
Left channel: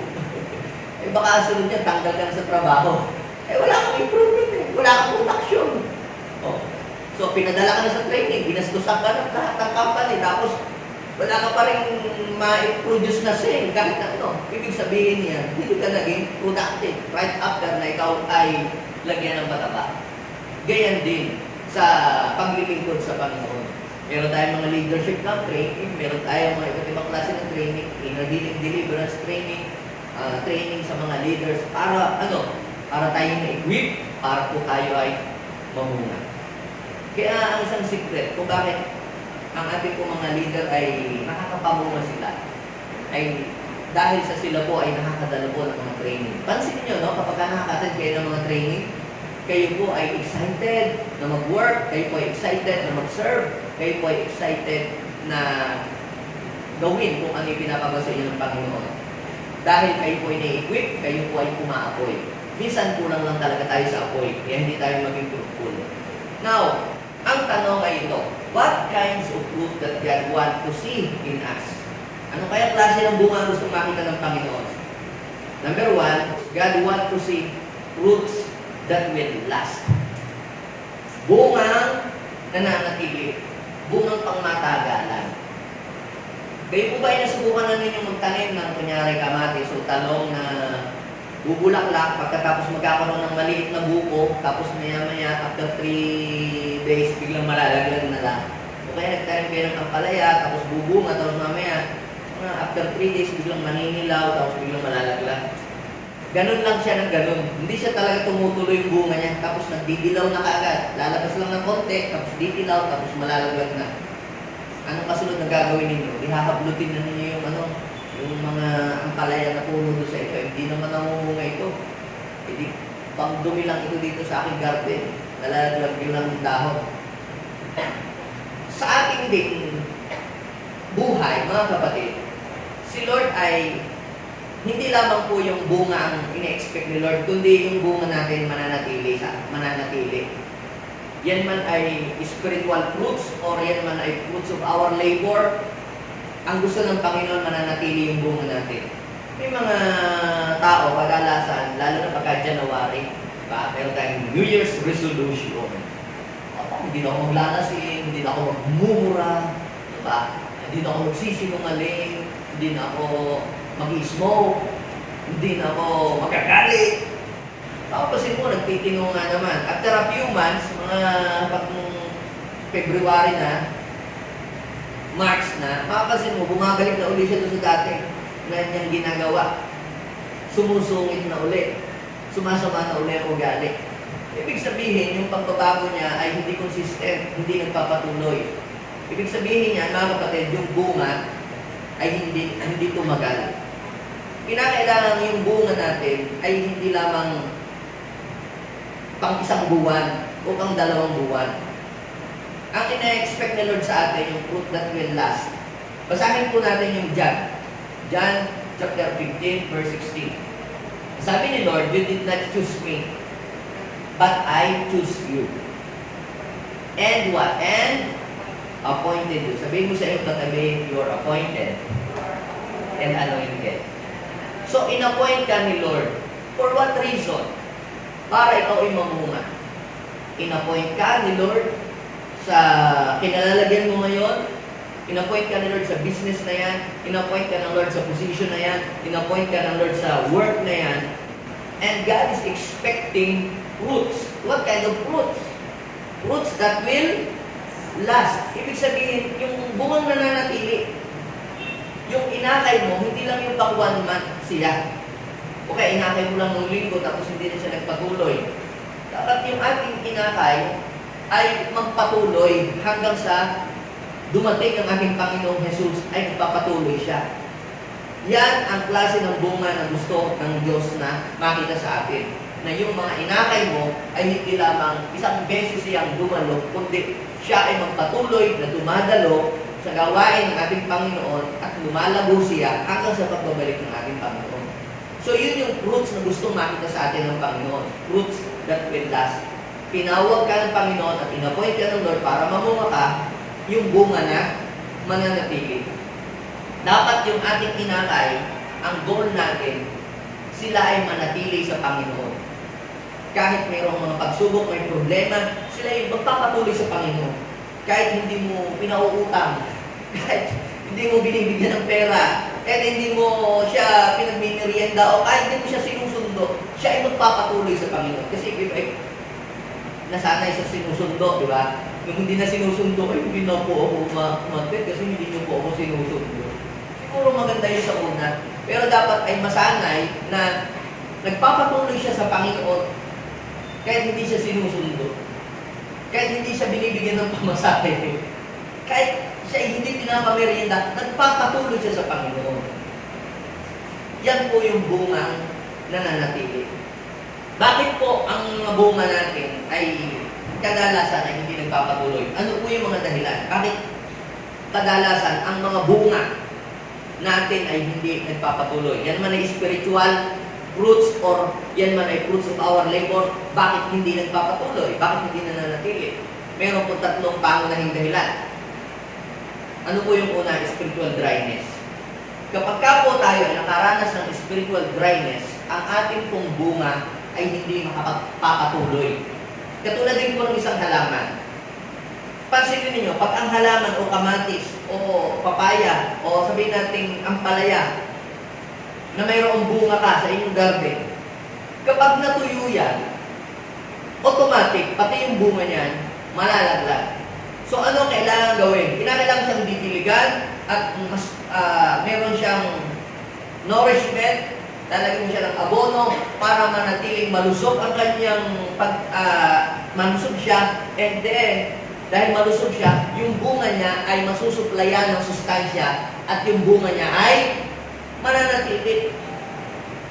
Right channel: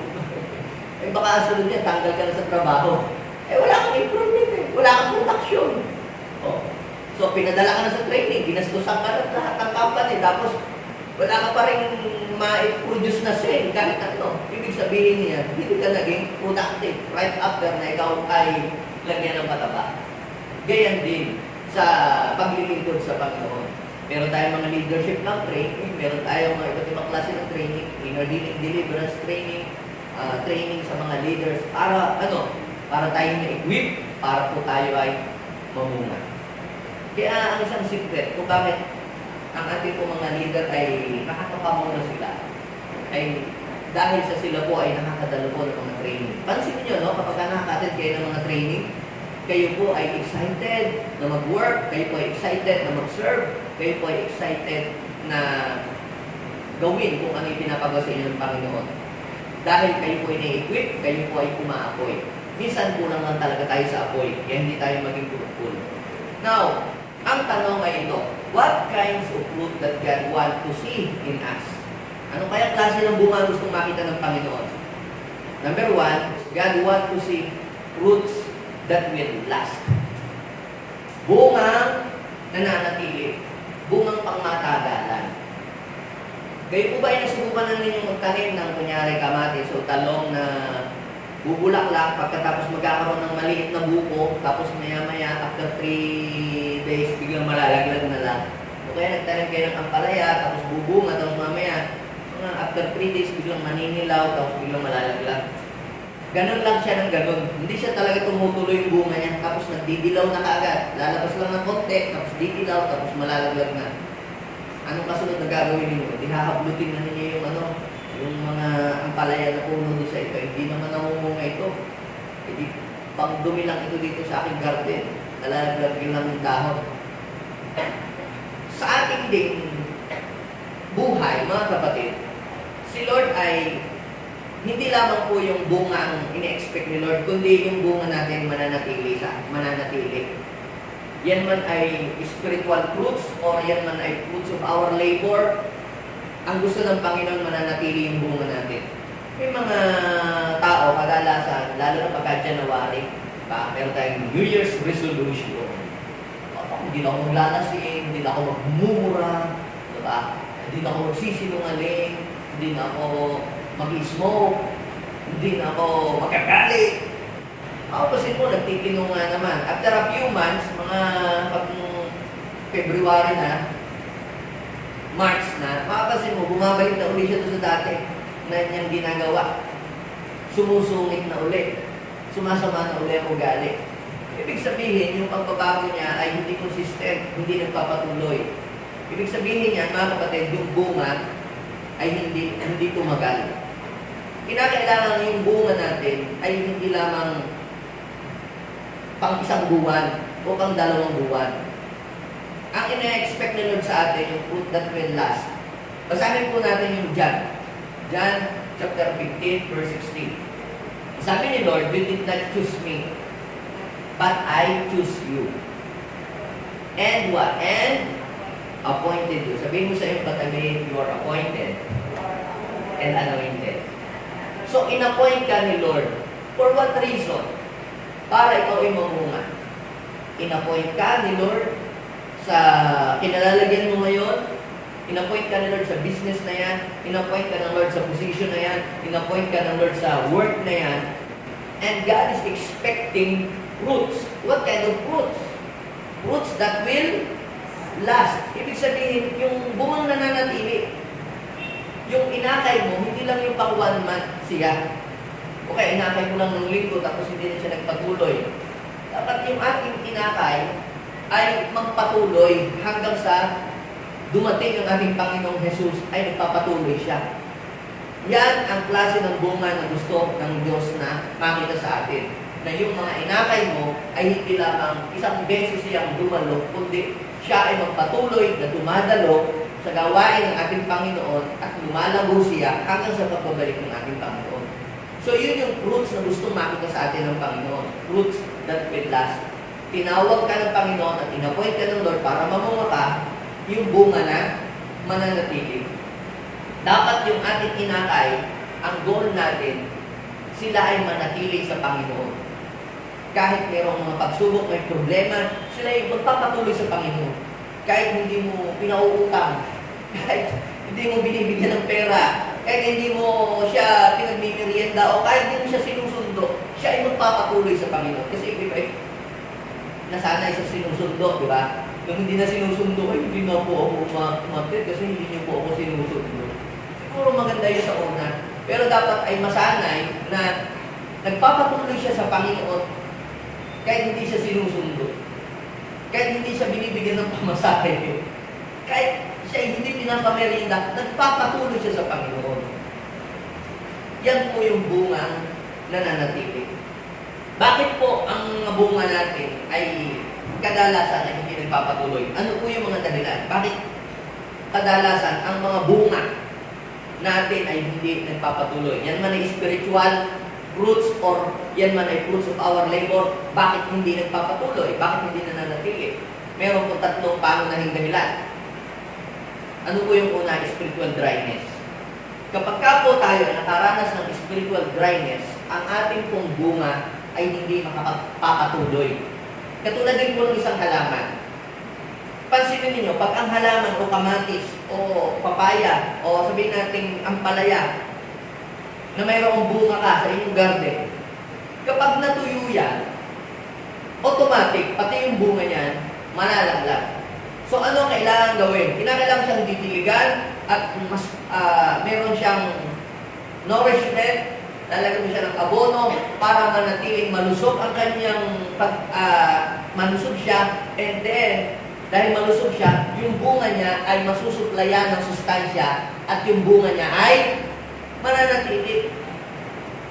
Baka sunod niya, tanggal ka na sa trabaho. Wala kang improvement wala kang production. So, pinadala ka na sa training, ginastusan ka na lahat ng company, tapos wala ka pa rin ma-produce na sale kahit ano. Ibig sabihin niya, hindi ka naging productive right after na ikaw ay lagyan ng pataba. Gayan din sa paglilingkod sa Panginoon. Meron tayong mga leadership na training, meron tayong mga iba't ibang klase ng training, inner deliverance training, training sa mga leaders para para tayo na-equip, para po tayo ay mamunga. Kaya ang isang secret kung bakit ang ating mga leader ay nakakapamunga sila ay dahil sa sila po ay nakakadalo po ng mga training. Pansin niyo, kapag nakaka-attend kayo ng mga training, kayo po ay excited na mag-work, kayo po ay excited na mag-serve, kayo po ay excited na gawin kung ano yung pinapagawa sa inyo ng Panginoon. Dahil kayo po ay na-equip, kayo po ay umaapoy. Minsan kulang lang talaga tayo sa apoy, kaya hindi tayo maging fruitful. Now, ang tanong ay ito, what kinds of fruit that God want to see in us? Ano kaya klase ng bunga ang gustong makita ng Panginoon? Number one, God want to see fruits that will last. Bungang nananatili, bungang pangmatagalan. Kayo po ba ay nasubukan na ninyong magtanim ng kunyari kamatis o talong na bubulaklak, pagkatapos magkakaroon ng maliit na buko, tapos maya-maya, after 3 days, biglang malalaglag na lang. O kaya nagtanim kayo ng ampalaya, tapos bubunga, tapos mamaya, after 3 days, biglang maninilaw, tapos biglang malalaglag. Ganon lang siya ng ganon. Hindi siya talaga tumutuloy yung bunga niya, tapos nagdidilaw na kaagad. Lalabas lang ng konti, tapos didilaw, tapos malalaglag na. Anong kasunod na gagawin ninyo? Ihahablutin na ninyo yung mga ampalaya na puno sa ito. Hindi naman namumunga ito. Hindi pang dumi lang ito dito sa aking garden. Nalalaglag yun lang yung dahon. Sa ating ding buhay, mga kapatid, si Lord ay hindi lamang po yung bunga ang ine-expect ni Lord, kundi yung bunga natin mananatili. Yan man ay spiritual fruits or yan man ay fruits of our labor, ang gusto ng Panginoon mananatili yung bunga natin. May mga tao, kadalasan, lalo na pagka January, diba? Meron tayong New Year's resolution. Hindi na ako maglalasin, hindi na ako magmumura, diba? Hindi na ako magsisinungaling, hindi na ako mag-smoke, hindi na ako magkagalit. Mapapansin mo, nagtitino nga naman. After a few months, mga pag February na, March na, mapapansin mo, bumabalik na uli siya doon sa dati na niyang ginagawa. Sumusungit na uli. Sumasama na uli ang ugali. Ibig sabihin, yung pagbabago niya ay hindi consistent, hindi nagpapatuloy. Ibig sabihin niya, mga kapatid, yung bunga ay hindi tumagal. Kinakailangan yung bunga natin ay hindi lamang pang isang buwan o pang 2 buwan. Ang ina-expect ni Lord sa atin, yung fruit that will last. Basahin po natin yung John. John chapter 15, verse 16. Sabi ni Lord, you did not choose me, but I choose you. And what? And appointed you. Sabihin mo sa iyong katabi, you are appointed and anointed. So, in-appoint ka ni Lord. For what reason? Para ikaw ay mamunga. In-appoint ka ni Lord sa kinalalagyan mo ngayon. In-appoint ka ni Lord sa business na yan. In-appoint ka ng Lord sa position na yan. In-appoint ka ng Lord sa work na yan. And God is expecting fruits. What kind of fruits? Fruits that will last. Ibig sabihin, yung bungang nananatili. Yung inakay mo, hindi lang yung pang 1 month siya. Okay, inakay mo lang ng linggo tapos hindi na siya nagpatuloy. Dapat yung ating inakay ay magpatuloy hanggang sa dumating ang ating Panginoong Jesus ay magpapatuloy siya. Yan ang klase ng bunga na gusto ng Diyos na makita sa atin. Na yung mga inakay mo ay hindi lamang isang beses siyang dumalo, kundi siya ay magpatuloy na dumadalo sa gawain ng ating Panginoon at lumalago siya hanggang sa pagbabalik ng ating Panginoon. So yun yung fruits na gusto makita sa atin ng Panginoon. Fruits that will last. Pinawag ka ng Panginoon at inappoint ka ng Lord para mamunga ka, yung bunga na mananatili. Dapat yung ating inakay, ang goal natin, sila ay manatili sa Panginoon. Kahit mayroong mga pagsubok, may problema, sila ay magpapatuloy sa Panginoon. Kahit hindi mo pinauutang, kahit hindi mo binibigyan ng pera, kahit hindi mo siya pinagmimerienda, o kahit hindi mo siya sinusundo, siya ay magpapatuloy sa Panginoon. Kasi nasanay sa sinusundo, di ba? Nung hindi na sinusundo, ay hindi na po ako umagpit kasi hindi niyo po ako sinusundo. Siguro maganda yun sa una. Pero dapat ay masanay na nagpapatuloy siya sa Panginoon kahit hindi siya sinusundo. Kahit hindi siya binibigyan ng pamasahe. Kahit siya hindi pinapamerienda, nagpapatuloy siya sa Panginoon. Yan po yung bungang nananatili. Bakit po ang mga bunga natin ay kadalasan ay hindi nagpapatuloy? Ano po yung mga dahilan? Bakit kadalasan ang mga bunga natin ay hindi nagpapatuloy? Yan man ay spiritual fruits or yan man ay fruits of our labor, bakit hindi nagpapatuloy? Bakit hindi nananatili? Meron po 3 pangunahing dahilan. Ano po yung una? Spiritual dryness. Kapag ka po tayo ay nakaranas ng spiritual dryness, ang ating pong bunga ay hindi makapagpapatuloy. Katulad din po ng isang halaman. Pansinin niyo, pag ang halaman o kamatis o papaya o sabihin natin ampalaya na mayroong bunga ka sa inyong garden, kapag natuyo yan, automatic, pati yung bunga niyan, malalaglag. So ano kailangan gawin? Kinakailangan siyang ditiligan at mas meron siyang nourishment, lalagyan mo siya ng abono para manatiling malusog ang kanyang malusog siya, and then dahil malusog siya, yung bunga niya ay masusuplayan ng sustansya at yung bunga niya ay mananatili.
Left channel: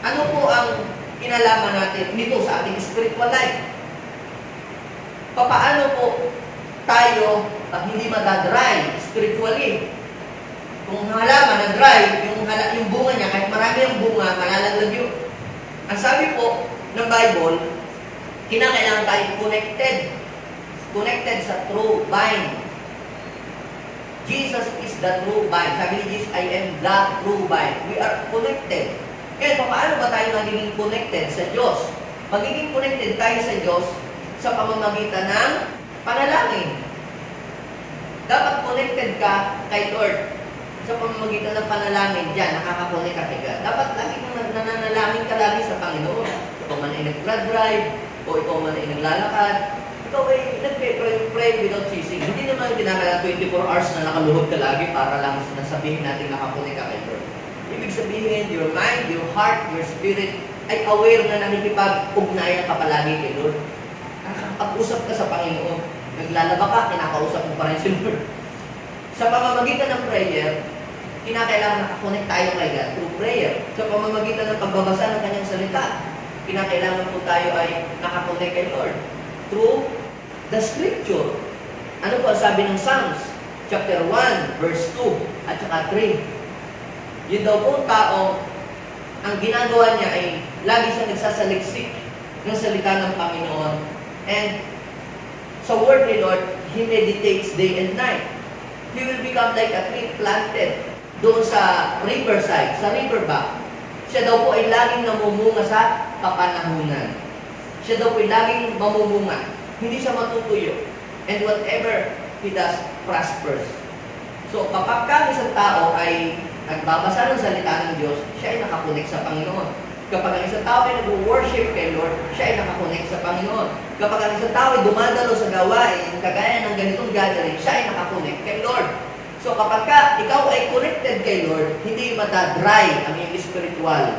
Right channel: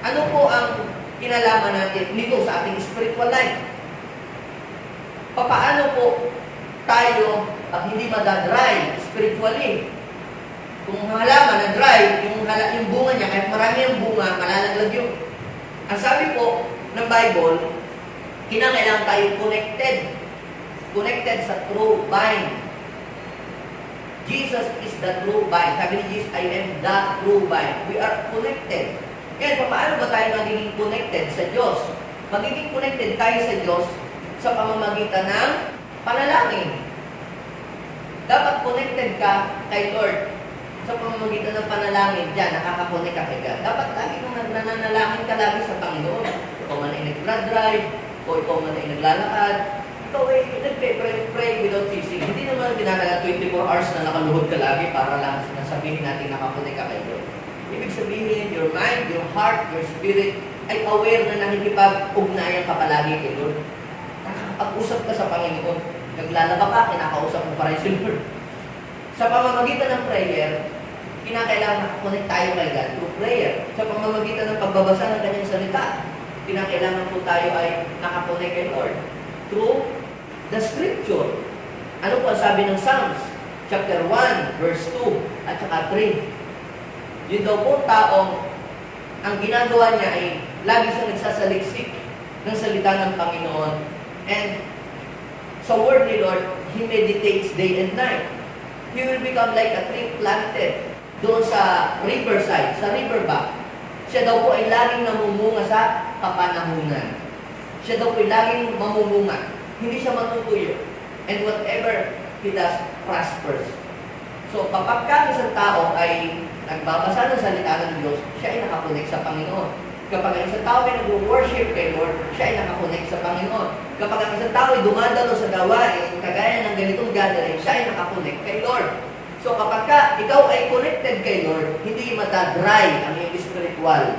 Ano po ang kinalaman natin nito sa ating spiritual life? Papaano po tayo hindi madadry spiritually? Kung halaman na dry, yung bunga niya, kahit marami yung bunga, malalaglag yun. Ang sabi po ng Bible, kinakailangan tayo connected sa true vine. Jesus is the true vine. Sabi ni Jesus, I am the true vine. We are connected. Kaya paano ba tayo magiging connected sa Diyos? Magiging connected tayo sa Diyos sa pamamagitan ng panalangin. Dapat connected ka kay Lord. Sa pamamagitan ng panalangin, dyan, nakakakonek ka kay God. Dapat lagi kang nananalangin ka lagi sa Panginoon. Ikaw man ay nag-drive, o ikaw man ay naglalakad, ikaw ay nag-pray without ceasing. Hindi naman kinakailangan 24 hours na nakaluhod ka lagi para lang nasabihin natin nakakonek ka kay God. Ibig sabihin, your mind, your heart, your spirit, ay aware na nakikipag-ugnayan ka palagi kay Lord. Nakakapag-usap ka sa Panginoon. Naglalaba ka, kinakausap mo pa rin si Lord. Sa pamamagitan ng prayer, kinakailangan nakakonect tayo kay God through prayer. Sa pamamagitan ng pagbabasa ng kanyang salita, kinakailangan po tayo ay nakakonect kay Lord through the scripture. Ano po ang sabi ng Psalms? Chapter 1, verse 2, at saka 3. Yun daw po taong ang ginagawa niya ay lagi siyang nagsasaliksik ng salita ng Panginoon. And sa word ni Lord, he meditates day and night. He will become like a tree planted doon sa riverside, sa riverbank. Siya daw po ay laging namumunga sa kapanahunan. Siya daw po ay laging mamumunga. Hindi siya matutuyo. And whatever he does prospers. So kapag ka isang tao ay nagbabasa ng salita ng Diyos, siya ay nakakonek sa Panginoon. Kapag ang isang tao ay nag-worship kay Lord, siya ay nakakonek sa Panginoon. Kapag ang isang tao ay dumadalo sa gawain, kagaya ng ganitong gathering, siya ay nakakonek kay Lord. So kapag ikaw ay connected kay Lord, hindi matadry ang iyong spiritual.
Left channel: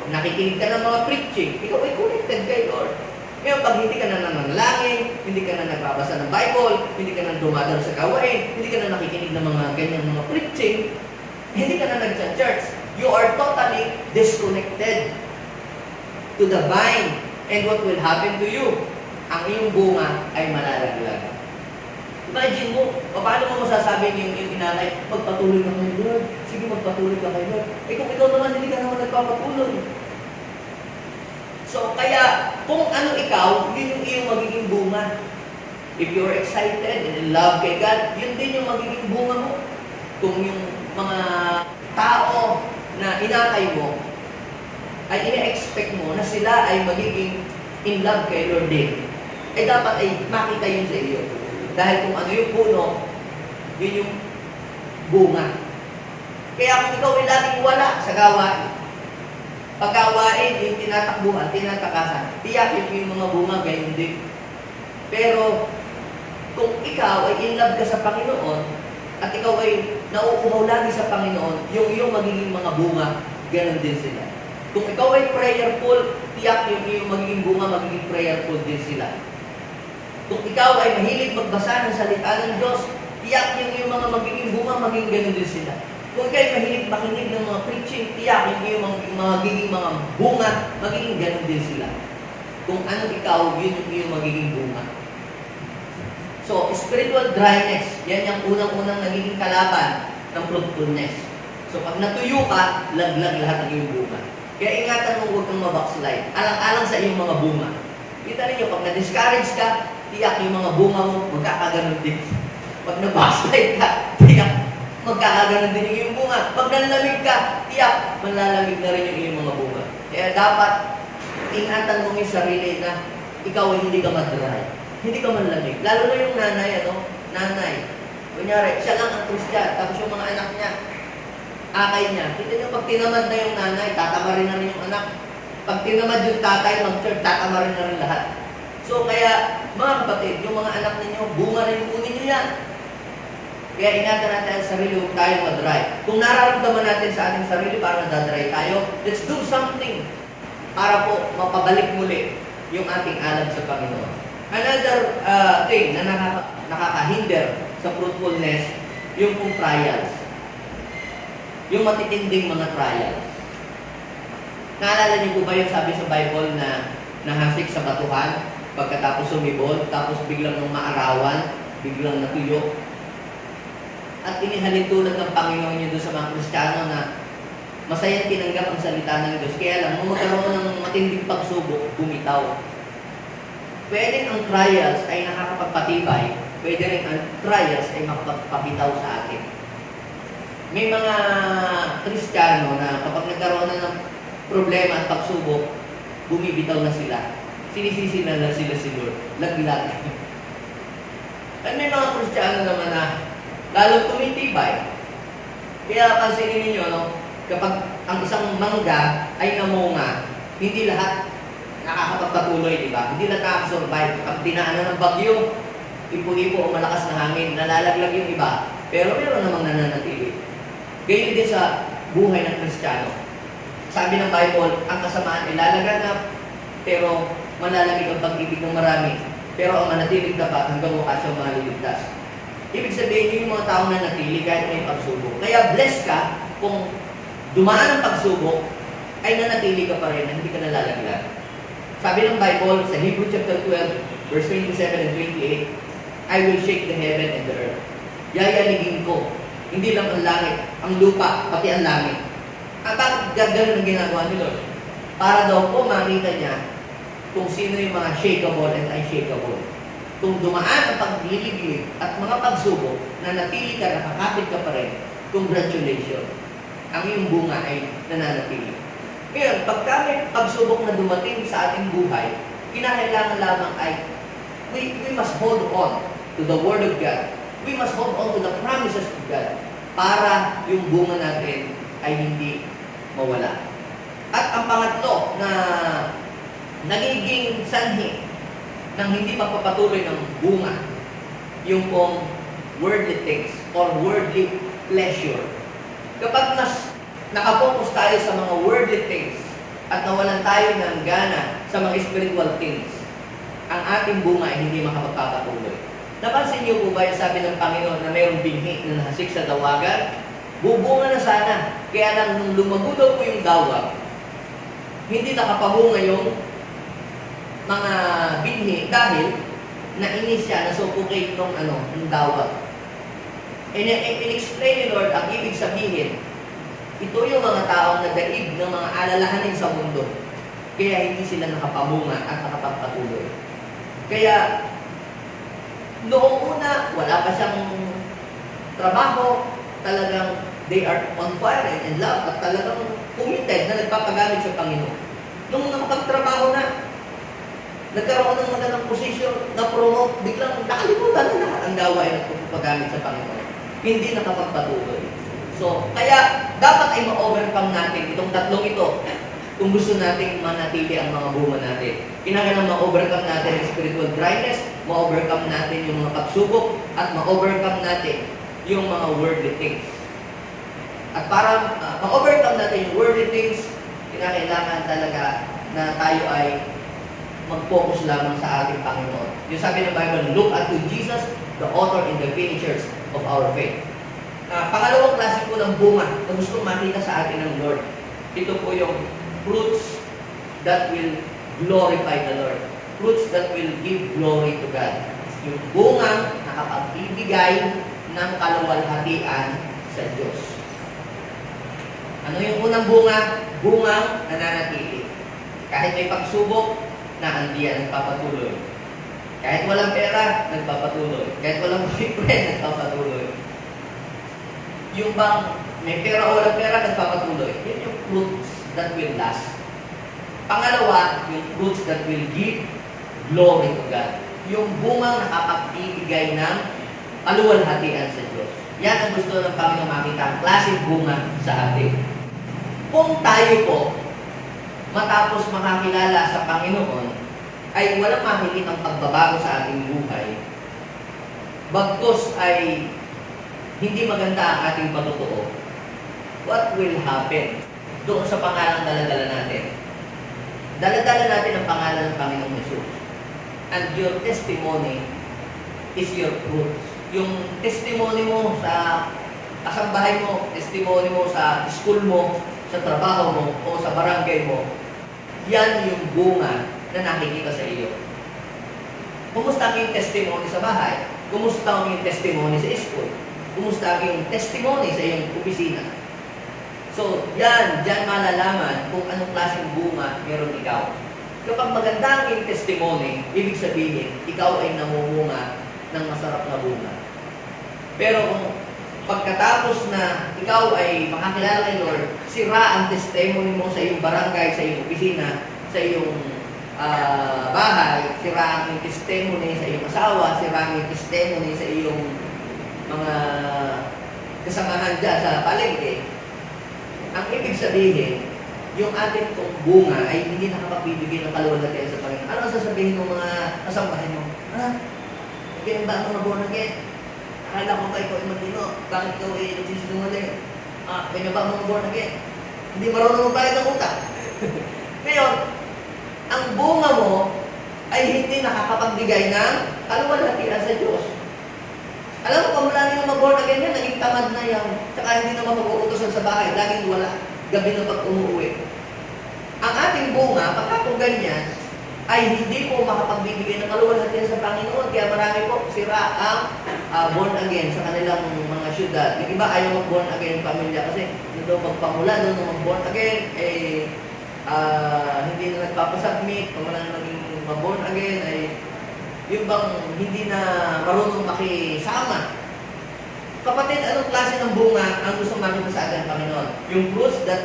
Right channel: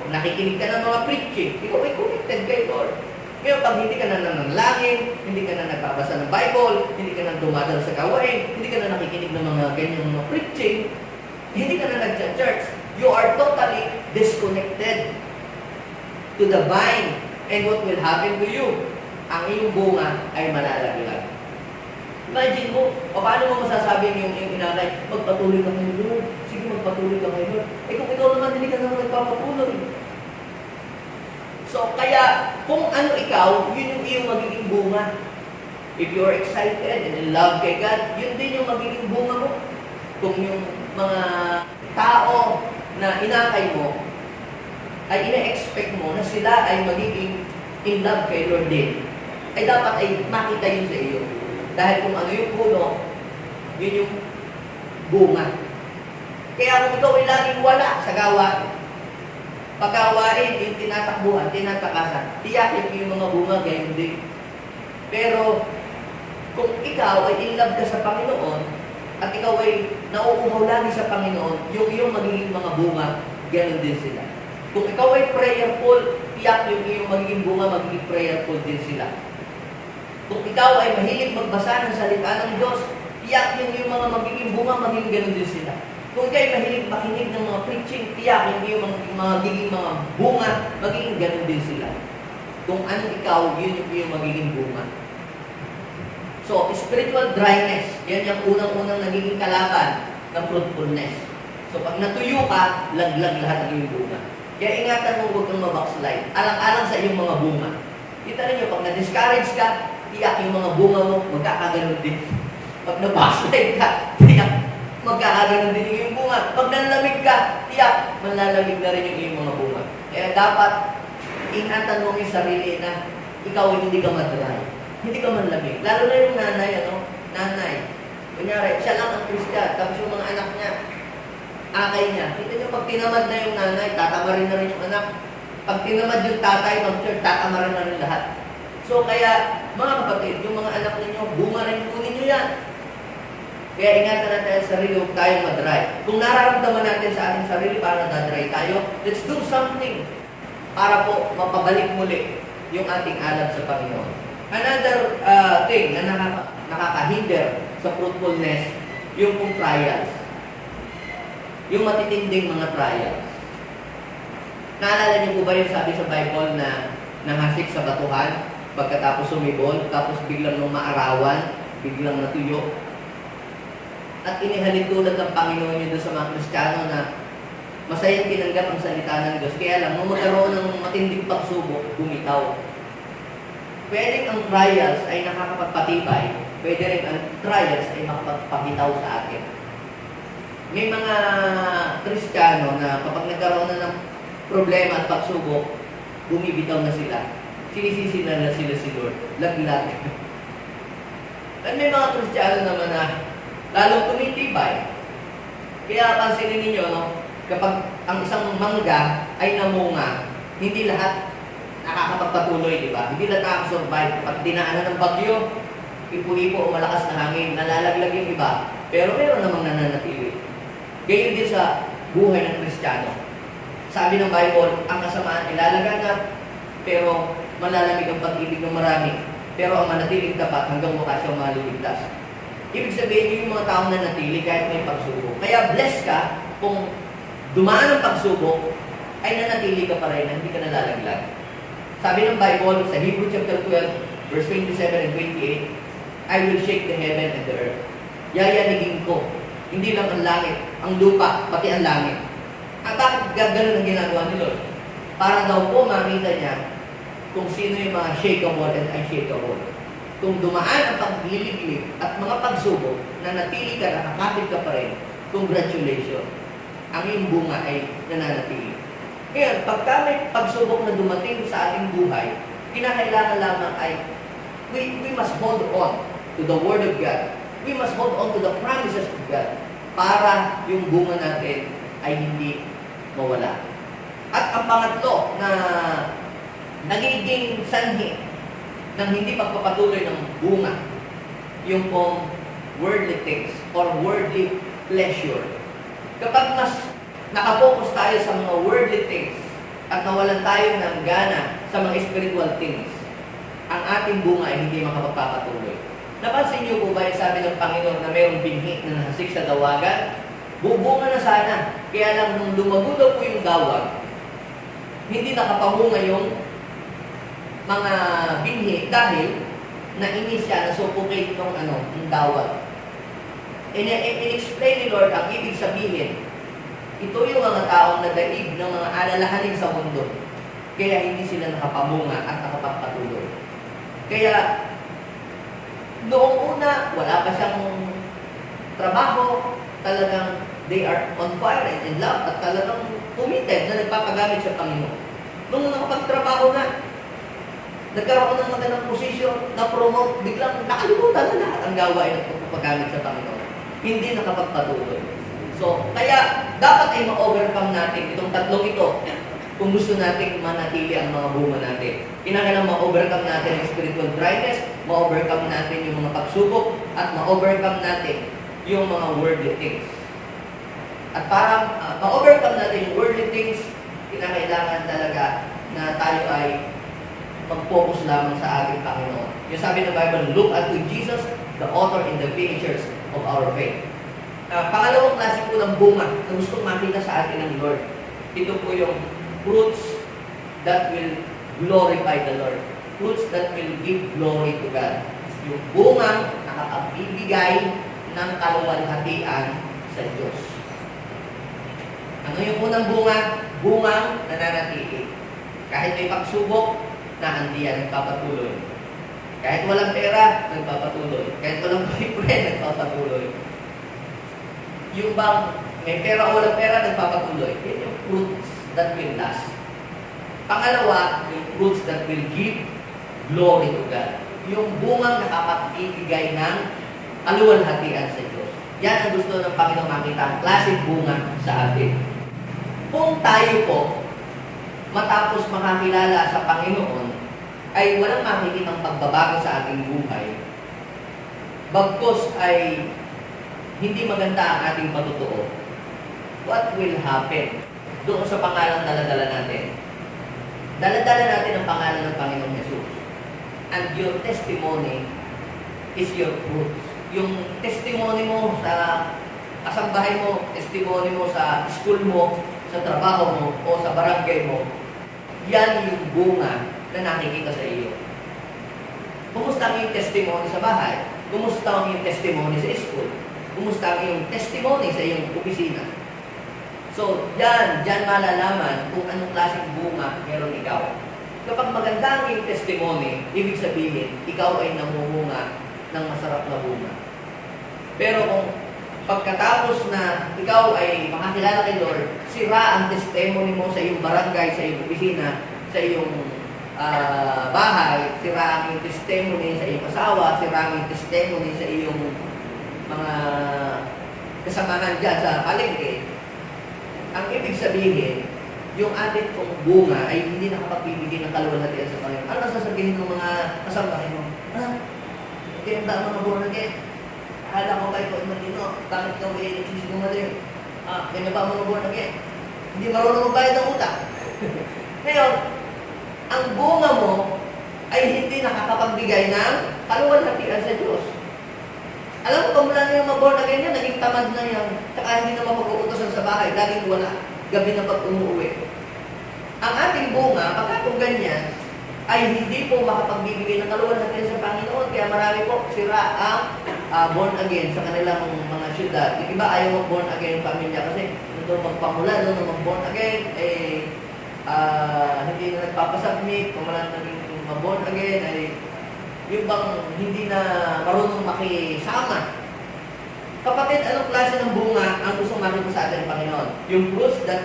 Kung nakikinig ka ng mga preaching, ikaw ay connected kay Lord. Ngayon, pag hindi ka na nananalangin, hindi ka na nagbabasa ng Bible, hindi ka na dumadalo sa gawain, hindi ka na nakikinig ng mga ganyang mga preaching, hindi ka na nag-church, you are totally disconnected to the vine. And what will happen to you? Ang iyong bunga ay malalaglag. Imagine mo, paano mo masasabi yung inanay, magpatuloy ka kay Lord. Sige, magpatuloy ka kay Lord. Eh kung ikaw naman, hindi ka naman nagpapatuloy. So, kaya, kung ano ikaw, yun yung iyong magiging bunga. If you're excited and in love kay God, yun din yung magiging bunga mo. Kung yung mga tao na inakay mo, ay ina-expect mo na sila ay magiging in love kay Lord din, ay dapat ay makita yun sa iyo. Dahil kung ano yung puno, yun yung bunga. Kaya kung ikaw ay laging wala sa gawain, pag-gawain, yung tinatakbuhan, tinatakasan, tiyak yung mga bunga, gayon din. Pero, kung ikaw ay in love ka sa Panginoon, at ikaw ay nauuhaw lagi sa Panginoon, yung iyong magiging mga bunga, ganon din sila. Kung ikaw ay prayerful, tiyak yung iyong magiging bunga, magiging prayerful din sila. Kung ikaw ay mahilig magbasa ng salita ng Diyos, tiyak yung iyong mga magiging bunga, magiging ganon din sila. Kung ikaw ay mahilig makinig ng mga preaching, tiyak yung iyong magiging mga bunga, magiging ganon din sila. Kung anong ikaw, yun yung iyong magiging bunga. So, spiritual dryness, yan yung unang-unang nagiging kalaban ng fruitfulness. So, pag natuyo ka, laglag lahat ng iyong bunga. Kaya ingatan mo, huwag kang mabackslide. Alang-alang sa iyong mga bunga. Kita ninyo, pag na-discourage ka, tiyak yung mga bunga mo, magkakaganon din. Pag na-backslide ka, tiyak, magkakaganon din yung iyong bunga. Pag nanlamig ka, tiyak, manlalamig na rin yung iyong mga bunga. Kaya dapat, ingatan mo yung sarili na ikaw ay hindi ka madry. Hindi ka manlamig. Lalo na yung nanay. Kunyari, siya lang ang Christian, tapos yung mga anak niya, akay niya. Kita niyo, pag tinamad na yung nanay, tatama rin na rin yung anak. Pag tinamad yung tatay, mag-church, tatama rin na rin lahat. So, kaya, mga kapatid, yung mga anak ninyo, bunga rin po ninyo yan. Kaya ingatan natin ang sarili, huwag tayong madry. Kung nararamdaman natin sa ating sarili, parang nadadry tayo, let's do something para po mapabalik muli yung ating alab sa Panginoon. Another thing na nakakahinder sa fruitfulness, yung pong trials. Yung matitinding mga trials. Naalala niyo po ba yung sabi sa Bible na nahasik sa batuhan, pagkatapos sumibol, tapos biglang nung maarawan, biglang natuyo? At inihalin tulad ng Panginoon niyo doon sa mga Kristiyano na masayang tinanggap ang salita ng Diyos. Kaya lang, nung magkaroon ng matinding pagsubok, bumitaw. Pwedeng ang trials ay nakakapagpatibay, pwede rin ang trials ay makapagpabitaw sa atin. May mga Kristiyano na kapag nagkaroon na ng problema at pagsubok, bumibitaw na sila. Sinisisi na sila si Lord. Laglag. At may mga Kristiyano naman na lalong tumitibay. Kaya pansinin ninyo, no, kapag ang isang mangga ay namunga, hindi lahat nakakapagpatuloy, di ba? Hindi lahat nakakasurvive. Kapag dinaanan ng bagyo, ipo-ipo o malakas na hangin, nalalaglag yung iba. Pero meron namang nananatili. Gayon din sa buhay ng Kristiyano. Sabi ng Bible, ang kasamaan ay lalaganap, pero malalamig ang pag-ibig ng marami. Pero ang manatiling tapat hanggang wakas siyang maliligtas. Ibig sabihin, yun yung mga taong nanatili kahit may pagsubok. Kaya blessed ka kung dumaan ang pagsubok, ay nanatili ka pa rin na hindi ka nalalaglag. Sabi ng Bible sa Hebrew chapter 12, verse 27 and 28, I will shake the heaven and the earth. Yayanigin ko. Hindi lang ang langit, ang lupa, pati ang langit. At bakit gano'n ang ginagawa ni Lord? Para daw po makita niya kung sino yung mga shakeable and unshakable. Kung dumaan ang pagliliglig at mga pagsubok, na natili ka, nakakapit ka pa rin, congratulations. Ang iyong bunga ay nananatili. Ngayon, pagka may pagsubok na dumating sa ating buhay, kinakailangan lamang ay we must hold on to the Word of God. We must hold on to the promises of God para yung bunga natin ay hindi mawala. At ang pangatlo na nagiging sanhi ng hindi pagpapatuloy ng bunga, yung pong worldly things or worldly pleasure. Kapag mas nakapokus tayo sa mga worldly things at nawalan tayo ng gana sa mga spiritual things, ang ating bunga ay hindi makapagpapatuloy. Napansin niyo po ba yung sabi ng Panginoon na mayroong binhi na nahasik sa dawagan? Bubunga na sana. Kaya lang nung lumago daw po yung dawag, hindi nakapamunga yung mga binhi dahil nainis siya, nasuffocate ng dawag. In-explain ni Lord ang ibig sabihin, ito yung mga taong nadaig ng mga alalahanin sa mundo. Kaya hindi sila nakapamunga at nakapagpatuloy. Kaya, noong una, wala pa siyang trabaho, talagang they are on fire and in love at talagang committed na nagpapagamit sa Panginoon. Nung nakapagtrabaho na, nagkaroon ng magandang posisyon, na-promote, biglang nakalimutan na lahat ang gawain at pagpapagamit sa Panginoon. Hindi nakapagpatuloy. So, kaya dapat ay ma-overcome natin itong tatlong ito kung gusto nating manatili ang mga bunga natin. Kinakailangan ma-overcome natin ang spiritual dryness, ma-overcome natin yung mga pagsubok, at ma-overcome natin yung mga worldly things. At para ma-overcome natin yung worldly things, kinakailangan talaga na tayo ay mag-focus lamang sa ating Panginoon. Yung sabi ng Bible, look unto Jesus, the author and the finisher of our faith. Pangalawang klase po ng bunga na gustong makita sa atin ng Lord. Ito po yung fruits that will glorify the Lord. Fruits that will give glory to God. Yung bungang nakapagbibigay ng kaluwalhatian sa Diyos. Ano yung unang bunga? Bungang nananatili. Kahit may pagsubok, naandiyan, nagpapatuloy. Kahit walang pera, nagpapatuloy. Kahit walang boyfriend, nagpapatuloy. Yung bang may pera o walang pera, nagpapatuloy. Yan yung fruits that will last. Pangalawa, yung fruits that will give glory to God. Yung bungang nakapagbibigay ng kaluwalhatian sa Diyos. Yan ang gusto ng Panginoon makita, ang klaseng bunga sa atin. Kung tayo po, matapos makakilala sa Panginoon, ay walang makikitang pagbabago sa ating buhay, bagkus ay hindi maganda ang ating patutuo, what will happen doon sa pangalang daladala natin? Daladala natin ang pangalan ng Panginoong Yesus. And your testimony is your fruit. Yung testimony mo sa kasambahay mo, testimony mo sa school mo, sa trabaho mo, o sa barangay mo, yan yung bunga na nakikita sa iyo. Kumusta ang iyong testimony sa bahay? Kumusta ang iyong testimony sa school? Kumusta ang iyong testimony sa iyong opisina? So, diyan malalaman kung anong klaseng bunga meron ikaw. Kapag maganda ang iyong testimony, ibig sabihin, ikaw ay namumunga ng masarap na bunga. Pero kung pagkatapos na ikaw ay makakilala kay Lord, sira ang testimony mo sa iyong barangay, sa iyong opisina, sa iyong bahay, sira ang testimony sa iyong asawa, sira ang testimony sa iyong mga kasamahan dyan sa palengke, ang ibig sabihin, yung ating pong bunga ay hindi nakapagbibigay ng kaluwalhatian sa Panginoon. Ano ang sasabihin ng mga kasamahan mo? Ganyan ba ang mga born again? Akala ko ba ikaw ay matino? Bakit ikaw ay nagsisinungaling? Ganyan ba ang mga born again? Hindi marunong magbayad ng utang. Ngayon, ang bunga mo ay hindi nakakapagbigay ng kaluwalhatian sa Diyos. Alam mo, pamula na yung mga born again yan, naging tamad na yan. Tsaka hindi na mapag-uutosan sa bahay, laging wala. Gabi na pag umuwi. Ang ating bunga, pagka kung ganyan, ay hindi po makapagbibigay ng kaluwalhatian sa Panginoon. Kaya marami po sira ang born again sa kanilang mga syudad. Yung iba ayaw mag-born again pamilya kasi nandun magpamula doon ng mag-born again, hindi na nagpapasubmit, pamula na naging mag-born again, ay yung bang hindi na marunong makisama. Kapatid, anong klase ng bunga ang gusto makita sa atin, Panginoon? Yung fruits that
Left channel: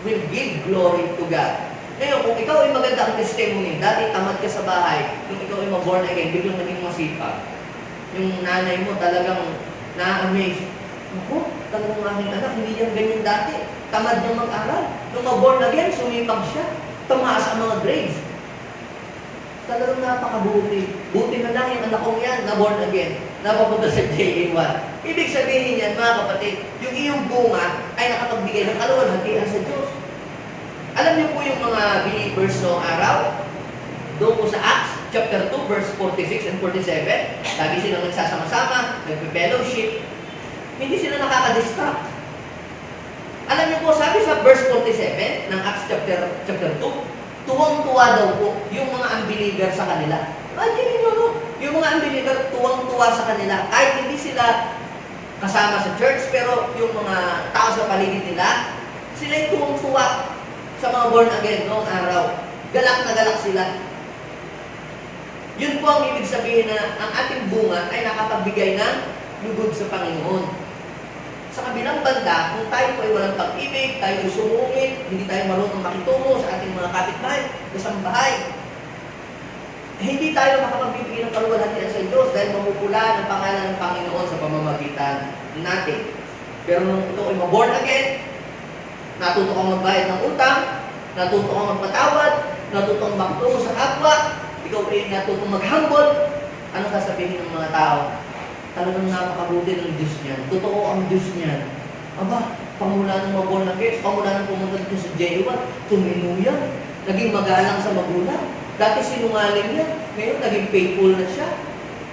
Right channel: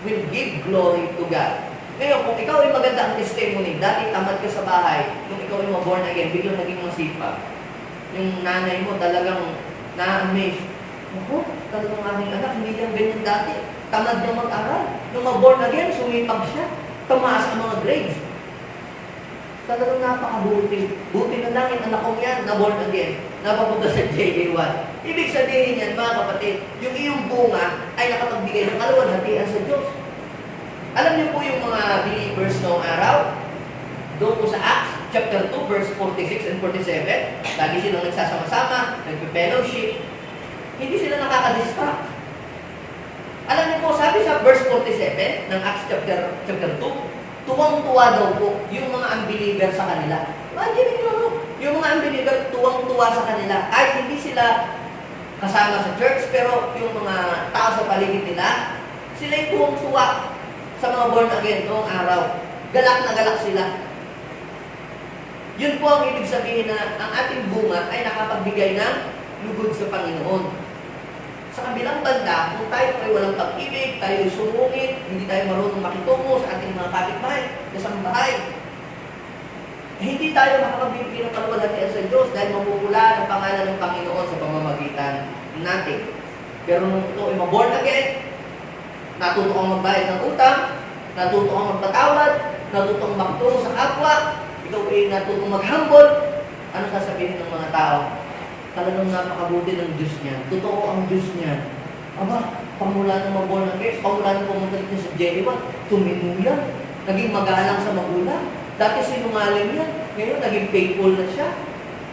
will give glory to God. Ngayon, kung ikaw ay maganda ang testimony, dati tamad ka sa bahay, nung ikaw ay ma-born again, biglang naging masipag. Yung nanay mo talagang na-amaze. Naku, talagang aking anak, hindi yan ganyan dati. Tamad na mag-aral. Nung ma-born again, sumipag siya. Tumaas ang mga grades. Talagang napakabuti. Buti na lang yung anak kong yan, na-born again. Napapunta sa JA1. Ibig sabihin yan, mga kapatid, yung iyong bunga ay nakapagbigay ng kaluwalhatian sa Diyos. Alam niyo po yung mga believers noong araw, doon po sa Acts chapter 2, verse 46 and 47, lagi silang nagsasama-sama, nagpe-fellowship, hindi sila nakaka-distract. Alam niyo po, sabi sa verse 47 ng Acts chapter 2, tuwang-tuwa daw po yung mga unbeliever sa kanila. Imagine nyo, no? Yung mga unbeliever, tuwang-tuwa sa kanila. Kahit hindi sila kasama sa church, pero yung mga tao sa paligid nila, sila yung tuwang-tuwa sa mga born again noong araw. Galak na galak sila. Yun po ang ibig sabihin na ang ating bunga ay nakapagbigay ng lugod sa Panginoon. Sa kabilang banda, kung tayo ay walang pag-ibig, tayo ay sumungit, hindi tayo marunong makitungo sa ating mga kapitbahay, kasambahay, hindi tayo makapagbibigay ng kaluwalhatian sa Diyos dahil mamupula ng pangalan ng Panginoon sa pamamagitan natin. Pero nung ito ay ma-born again, natuto kang magbayad ng utang, natuto kang magpatawad, natuto kang makitungo sa kapwa, ikaw ay natuto mag-humble, ano sasabihin ng mga tao? Talagang napakabuti ng Diyos niyan. Totoo ang Diyos niyan. Aba, pamula ng ma-born again, pamula ng pumunta dito sa JA1, tuminuyan, naging magalang sa magulang. Dati sinungaling yan, ngayon naging faithful na siya.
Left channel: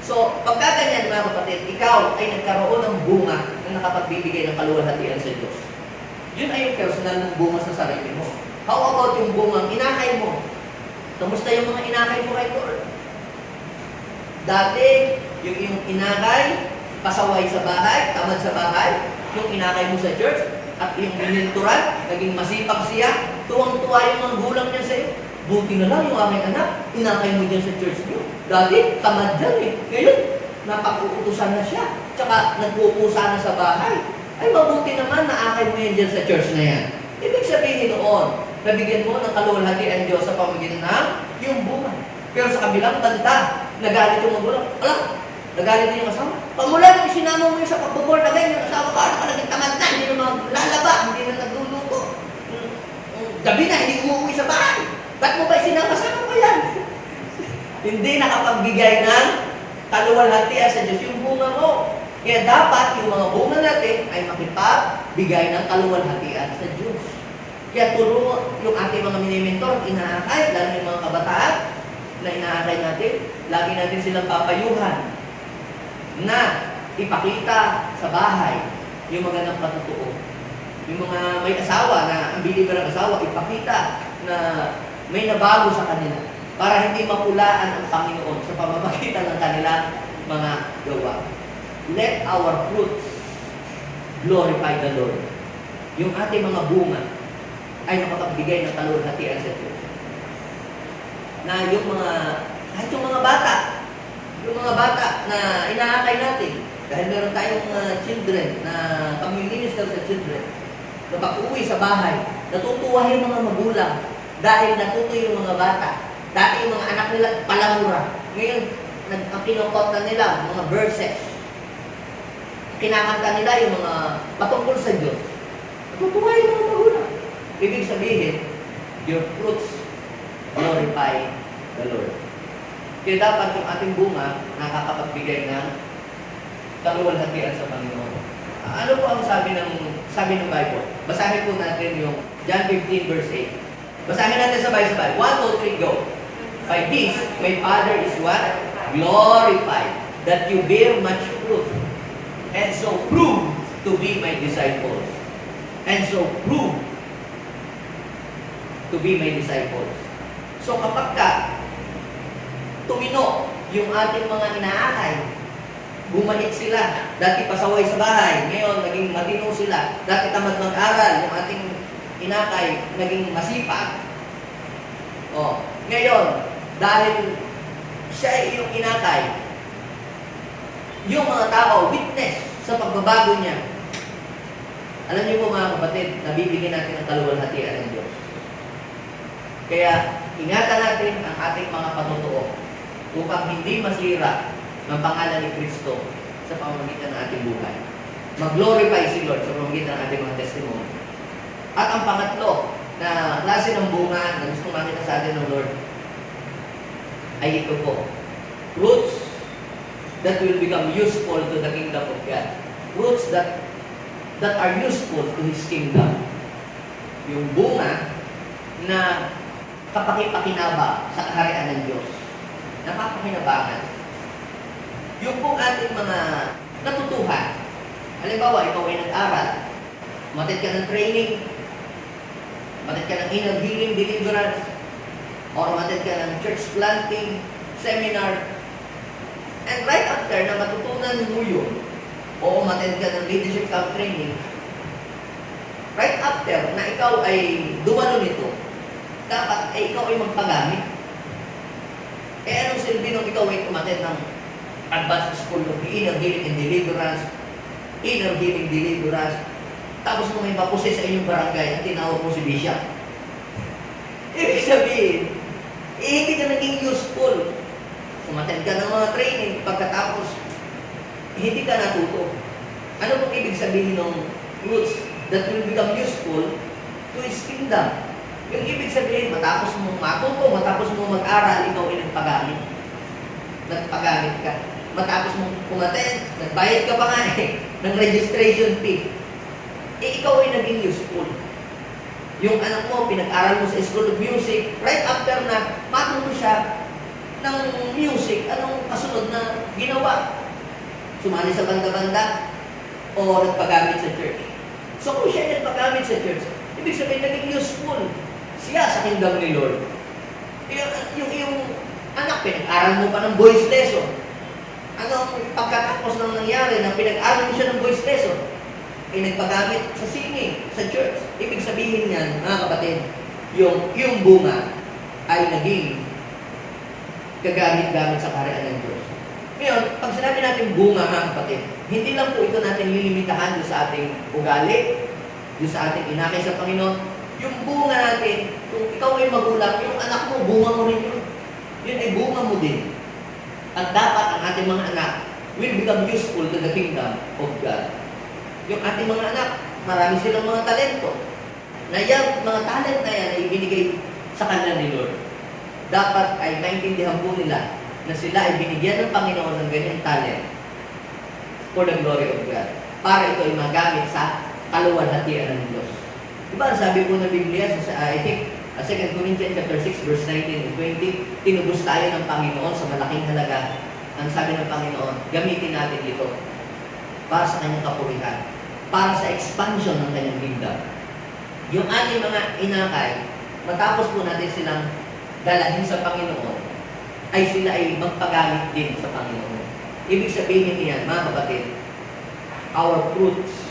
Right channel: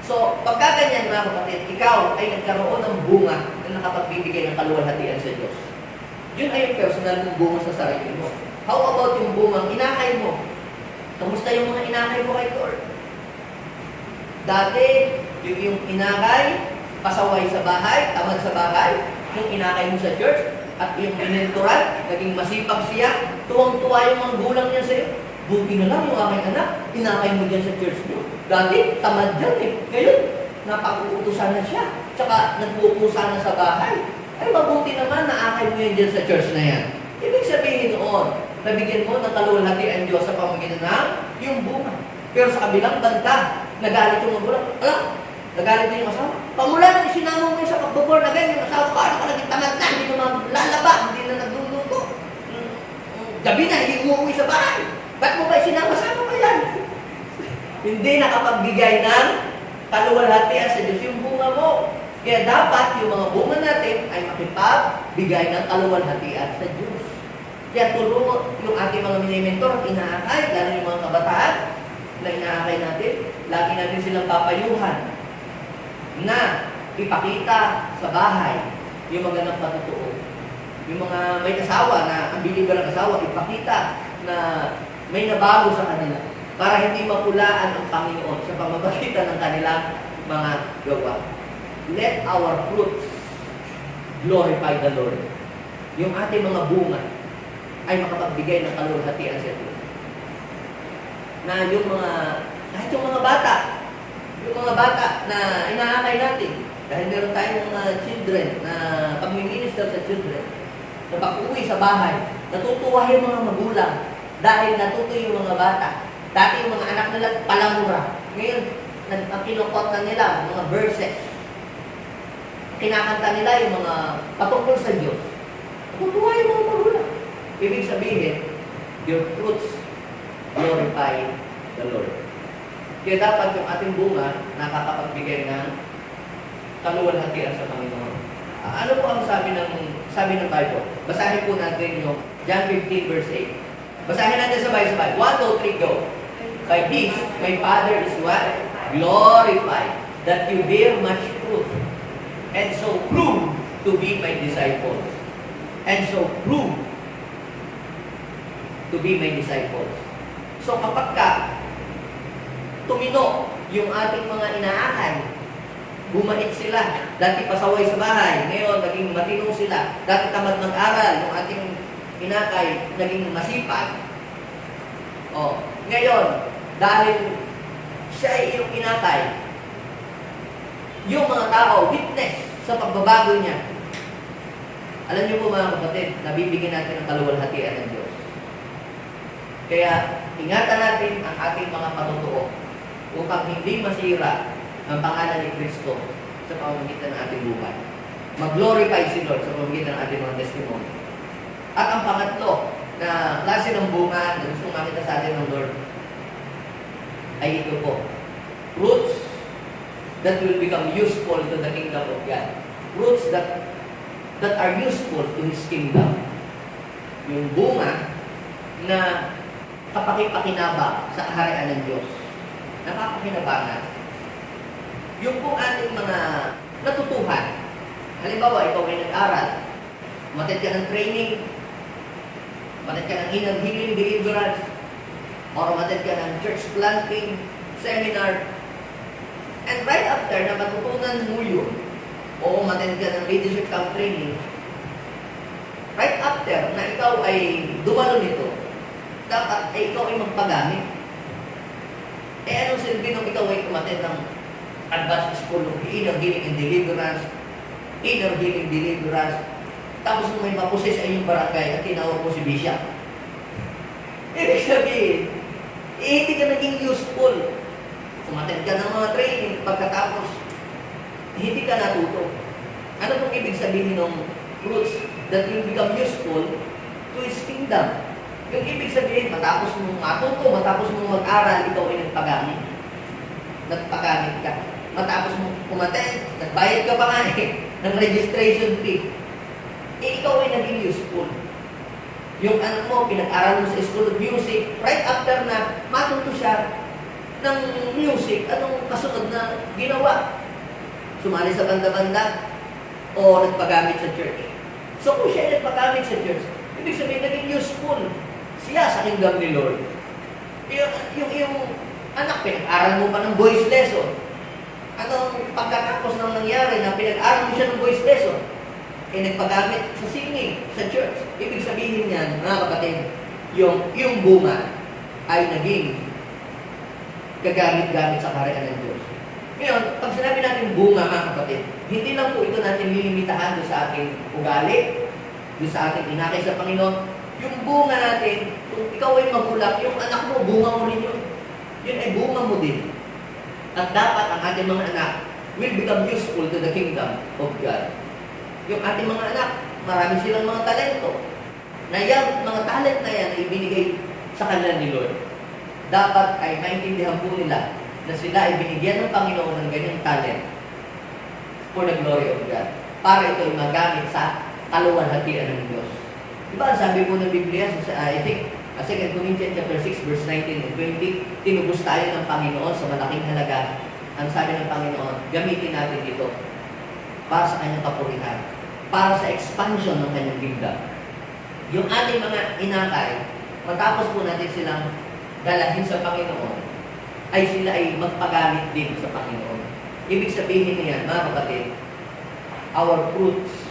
So, pagka ganyan mga kapatid, ikaw ay nagkaroon ng bunga na nakapagbibigay ng kaluwalhatian sa Diyos. Yun ay yung personal mong bunga sa sarili mo. How about yung bungang inakay mo? Kamusta yung mga inakay mo kay Lord? Dati, yung iyong inakay, pasaway sa bahay, tamad sa bahay, yung inakay mo sa church, at yung minenturan, naging masipag siya, tuwang-tuwa yung mga gulang niya sa'yo. Buti na lang yung aking anak, inakay mo dyan sa church niyo. Dati, tamad dyan eh. Ngayon, napag-uutusan na siya. Tsaka, nagpupusa na sa bahay. Ay, mabuti naman, naakay mo yan dyan sa church na yan. Ibig sabihin noon, nabigyan mo ng kaluwalhatian Diyos sa pamagitan ng yung bunga. Pero sa kabilang banda, nagalit yung magulang. Nagalit din yung asawa. Pamula nang isinama mo yung sa pagbaborn again, yung asawa ka, nakalaging tamad na, hindi na maglalaba, hindi na nagluluto. Gabi na, hindi umuwi sa bahay. Ba't mo ba isinama-sama pa yan? Hindi nakapagbigay ng kaluwalhatian sa Diyos yung bunga mo. Kaya dapat yung mga bunga natin ay makipagbigay ng kaluwalhatian sa Diyos. Kaya turo yung ating mga mini-mentor, inaakay, lalo yung mga kabataan na inaakay natin, lagi natin silang papayuhan na ipakita sa bahay yung magandang patutuo. Yung mga may asawa na ang believer ng asawa, ipakita na may nabago sa kanila para hindi mapulaan ang Panginoon sa pamamagitan ng kanilang mga gawa. Let our fruits glorify the Lord. Yung ating mga bunga ay makapagbigay ng kaluwalhatian sa Diyos. Na yung mga, kahit yung mga bata na inaakay natin, dahil meron tayong mga children na pag-minister sa children, na pag-uwi sa bahay, natutuwa yung mga magulang dahil natuto yung mga bata. Dati yung mga anak nila palamura. Ngayon, kinukot na nila mga verses. kinakanta nila yung mga patungkol sa Diyos, natutuwa yung mga magulang. Ibig sabihin, your fruits glorify the Lord. Kaya dapat yung ating bunga nakakapagbigay ng kaluwalhatian sa Panginoon. Ano po ang sabi ng Bible? Basahin po natin yung John 15 verse 8. Basahin natin sabay-sabay. 1, 2, 3, go. By this, my Father is what? Glorified, that you bear much fruit, and so prove to be my disciples. And so prove to be my disciples. So kapag ka tumino yung ating mga inaakay, bumait sila, dati pasaway sa bahay, ngayon naging matino sila, dati tamad mag-aral, yung ating inakay naging masipag. Ngayon, dahil siya ay iyong inakay, yung mga tao, witness sa pagbabago niya. Alam niyo po mga kapatid, nabibigyan natin ng kaluwalhatian ng Diyos. Kaya, ingatan natin ang ating mga patutuo upang hindi masira ng pangalan ni Kristo sa pamamagitan ng ating buhay. Mag-glorify si Lord sa pamamagitan ng ating mga testimony. At ang pangatlo na klase ng bunga na gusto makita sa atin ng Lord ay ito po. Fruits that will become useful to the kingdom of God. Fruits that are useful to His kingdom. Yung bunga na kapakipakinabang sa kaharian ng Diyos. Napapakinabangan. Yung pong ating mga natutuhan. Halimbawa, ikaw ay nag-aral. Umatid ka ng training. Umatid ka ng inner healing deliverance. O umatid ka ng church planting seminar. And right after na matutunan mo yun, o umatid ka ng leadership camp training, right after na ikaw ay dumalo nito, dapat ay ikaw ay magpagamit. Anong silbi nung ikaw ay umatid ng advanced school of inner healing and deliverance, tapos nung may mapuse sa inyong barangay at tinawag mo si Bishop. Ibig sabihin, hindi ka naging useful. Umatid ka ng mga training, pagkatapos, hindi ka natuto. Ano pong ibig sabihin ng fruits that will become useful to His kingdom? Yung ibig sabihin, matapos mong matuto, matapos mong mag-aral, ikaw ay nagpagamit. Nagpagamit ka. Matapos mong umatid, nagbayad ka pa nga ng registration fee. Ikaw ay naging useful. Yung anak mo, pinag-aral mo sa School of Music, right after na matuto siya ng music, anong kasunod na ginawa? Sumali sa banda-banda o nagpagamit sa church. So kung siya ay nagpagamit sa church, ibig sabihin naging useful siya sa kingdom ni Lord. Yung anak, pinag-aral mo pa ng voice lesson. Anong pagkatapos ng nangyari na pinag-aral mo siya ng voice lesson? Nagpagamit sa singing, sa church. Ibig sabihin niyan, mga kapatid, yung bunga ay naging kagamit-gamit sa kaharian ng Diyos. Ngayon, pag sinabi natin bunga, mga kapatid, hindi lang po ito natin lilimitahan doon sa ating ugali, doon sa ating inakay sa Panginoon. Yung bunga natin, kung ikaw ay magulang, yung anak mo, bunga mo rin yun. Yun ay bunga mo din. At dapat ang ating mga anak will become useful to the kingdom of God. Yung ating mga anak, marami silang mga talento. Na yung mga talent na yan ay ibinigay sa kanila ni Lord. Dapat ay maintindihan po nila na sila ay binigyan ng Panginoon ng ganyang talent for the glory of God. Para ito ay magamit sa kaluwalhatian ng Diyos. Diba, sabi po ng Biblia, I think, 2 Corinthians chapter 6, verse 19 and 20, tinubos tayo ng Panginoon sa malaking halaga. Ang sabi ng Panginoon, gamitin natin ito para sa kanyang kapurihan, para sa expansion ng kanyang kingdom. Yung ating mga inakay, matapos po natin silang dalahin sa Panginoon, ay sila ay magpagamit din sa Panginoon. Ibig sabihin niyan, mga kapatid, our fruits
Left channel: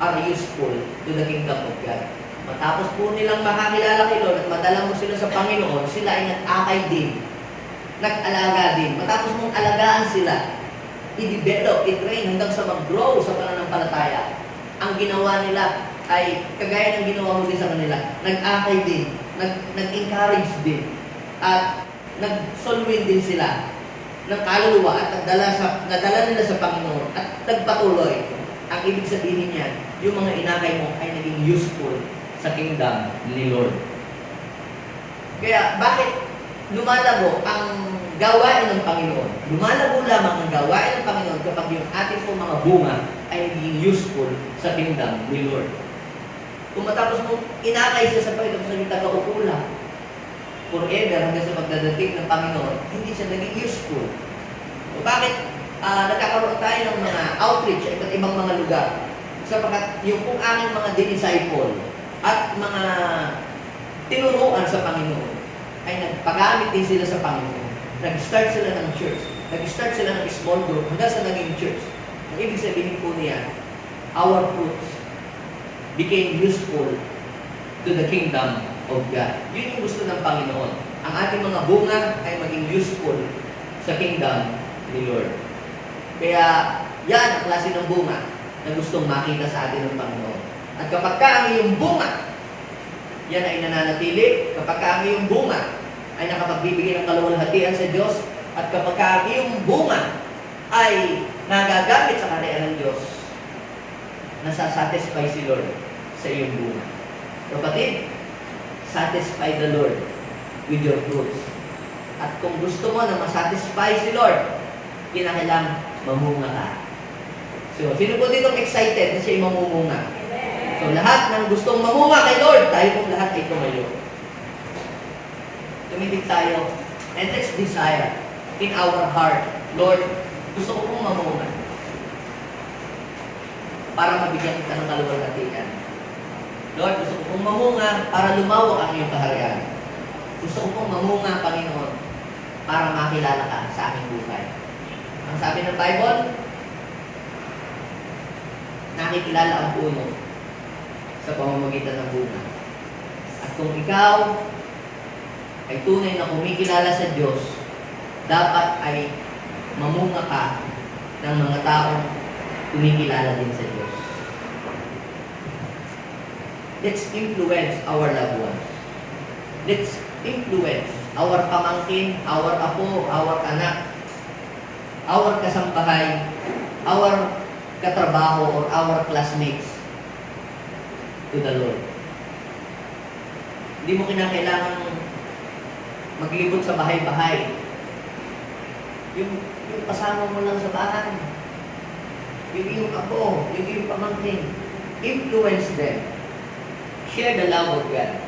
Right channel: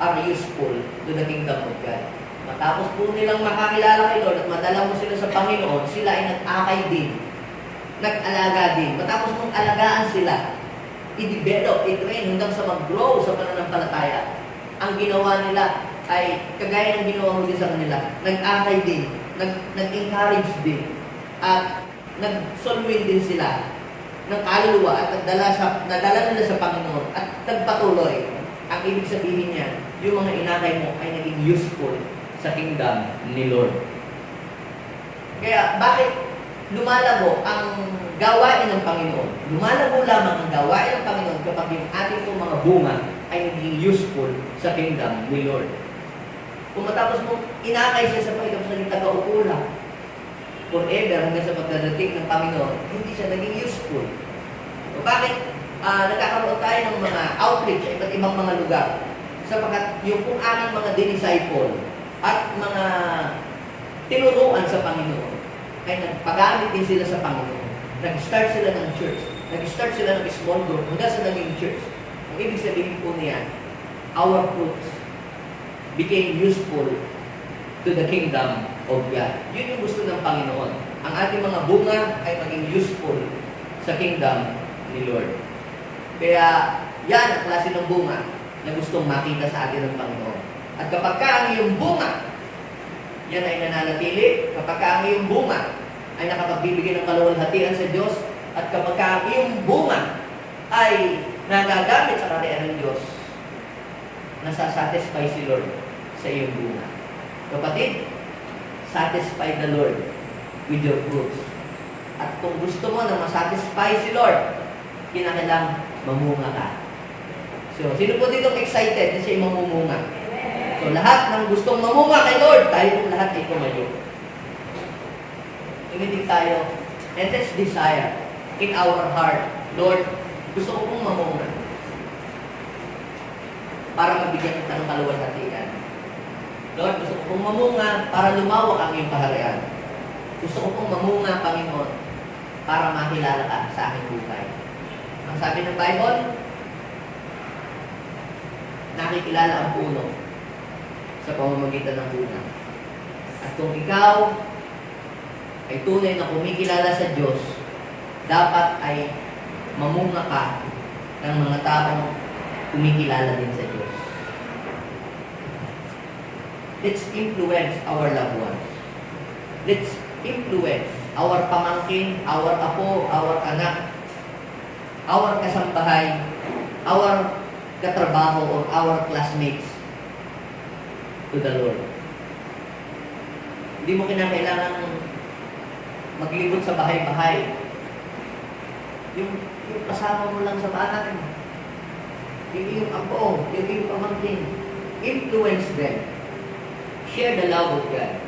are useful to the kingdom of God. Matapos po nilang makakilala kay Lord at madala mo sila sa Panginoon, sila ay nag-akay din, nag-alaga din. Matapos mong alagaan sila, i-develop, i-train hanggang sa mag-grow sa pananampalataya. Ang ginawa nila ay kagaya ng ginawa mo din sa kanila, nag-akay din, nag-encourage din, at nag-solwin din sila ng kaluluwa at nadala nila sa Panginoon at nagpatuloy ang ibig sabihin niyan, yung mga inakay mo ay naging useful sa kingdom ni Lord. Kaya bakit lumalago ang gawain ng Panginoon? Lumalago lamang ang gawain ng Panginoon kapag yung ating pong mga bunga ay naging useful sa kingdom ni Lord. Kung matapos mo inakay siya sa Panginoon sa naging taga-upula, forever hanggang sa pagdadating ng Panginoon, hindi siya naging useful. O bakit nagkakaroon tayo ng mga outreach sa iba't ibang mga lugar? Sapagkat yung kung aming mga disciple at mga tinuruan sa Panginoon ay nagpagamit din sila sa Panginoon. Nag-start sila ng church. Nag-start sila ng small group hanggang sa naging church. Ang ibig sabihin po niya, our fruits became useful to the kingdom of God. Yun yung gusto ng Panginoon. Ang ating mga bunga ay maging useful sa kingdom ni Lord. Kaya yan ang klase ng bunga na gustong makita sa atin ng Panginoon. At kapag ka ang iyong bunga, yan ay nananatili. Kapag ka ang iyong bunga ay nakapagbibigay ng kaluwalhatian sa Diyos, at kapag ka ang iyong bunga ay nagagamit sa kaharian ng Diyos, nasasatisfy si Lord sa iyong bunga. Kapatid, satisfy the Lord with your fruits. At kung gusto mo na masatisfy si Lord, kinakailangan mamunga ka. So, sino po ditong excited na siya mamumunga? So, lahat ng gustong mamunga kay Lord, tayo pong lahat ay tumayo. Tumitig tayo, and let's desire in our heart, Lord, gusto ko pong mamunga para mabigyan kita ng kaluwalhatian. Lord, gusto ko pong mamunga para lumawak ang iyong kaharian. Gusto ko pong mamunga, Panginoon, para makilala ka sa aming buhay. Ang sabi ng Bible, nakikilala ang puno sa pamamagitan ng bunga. At kung ikaw ay tunay na kumikilala sa Diyos, dapat ay mamunga ka ng mga taong kumikilala din sa Diyos. Let's influence our loved ones. Let's influence our pamangkin, our apo, our anak, our kasambahay, our katrabaho, or our classmates to the Lord. Hindi mo kinakailangan maglibot sa bahay-bahay. Yung kasama mo lang sa bahay. Yung iyong apo, yung iyong pamangkin. Influence them. Share the love of God.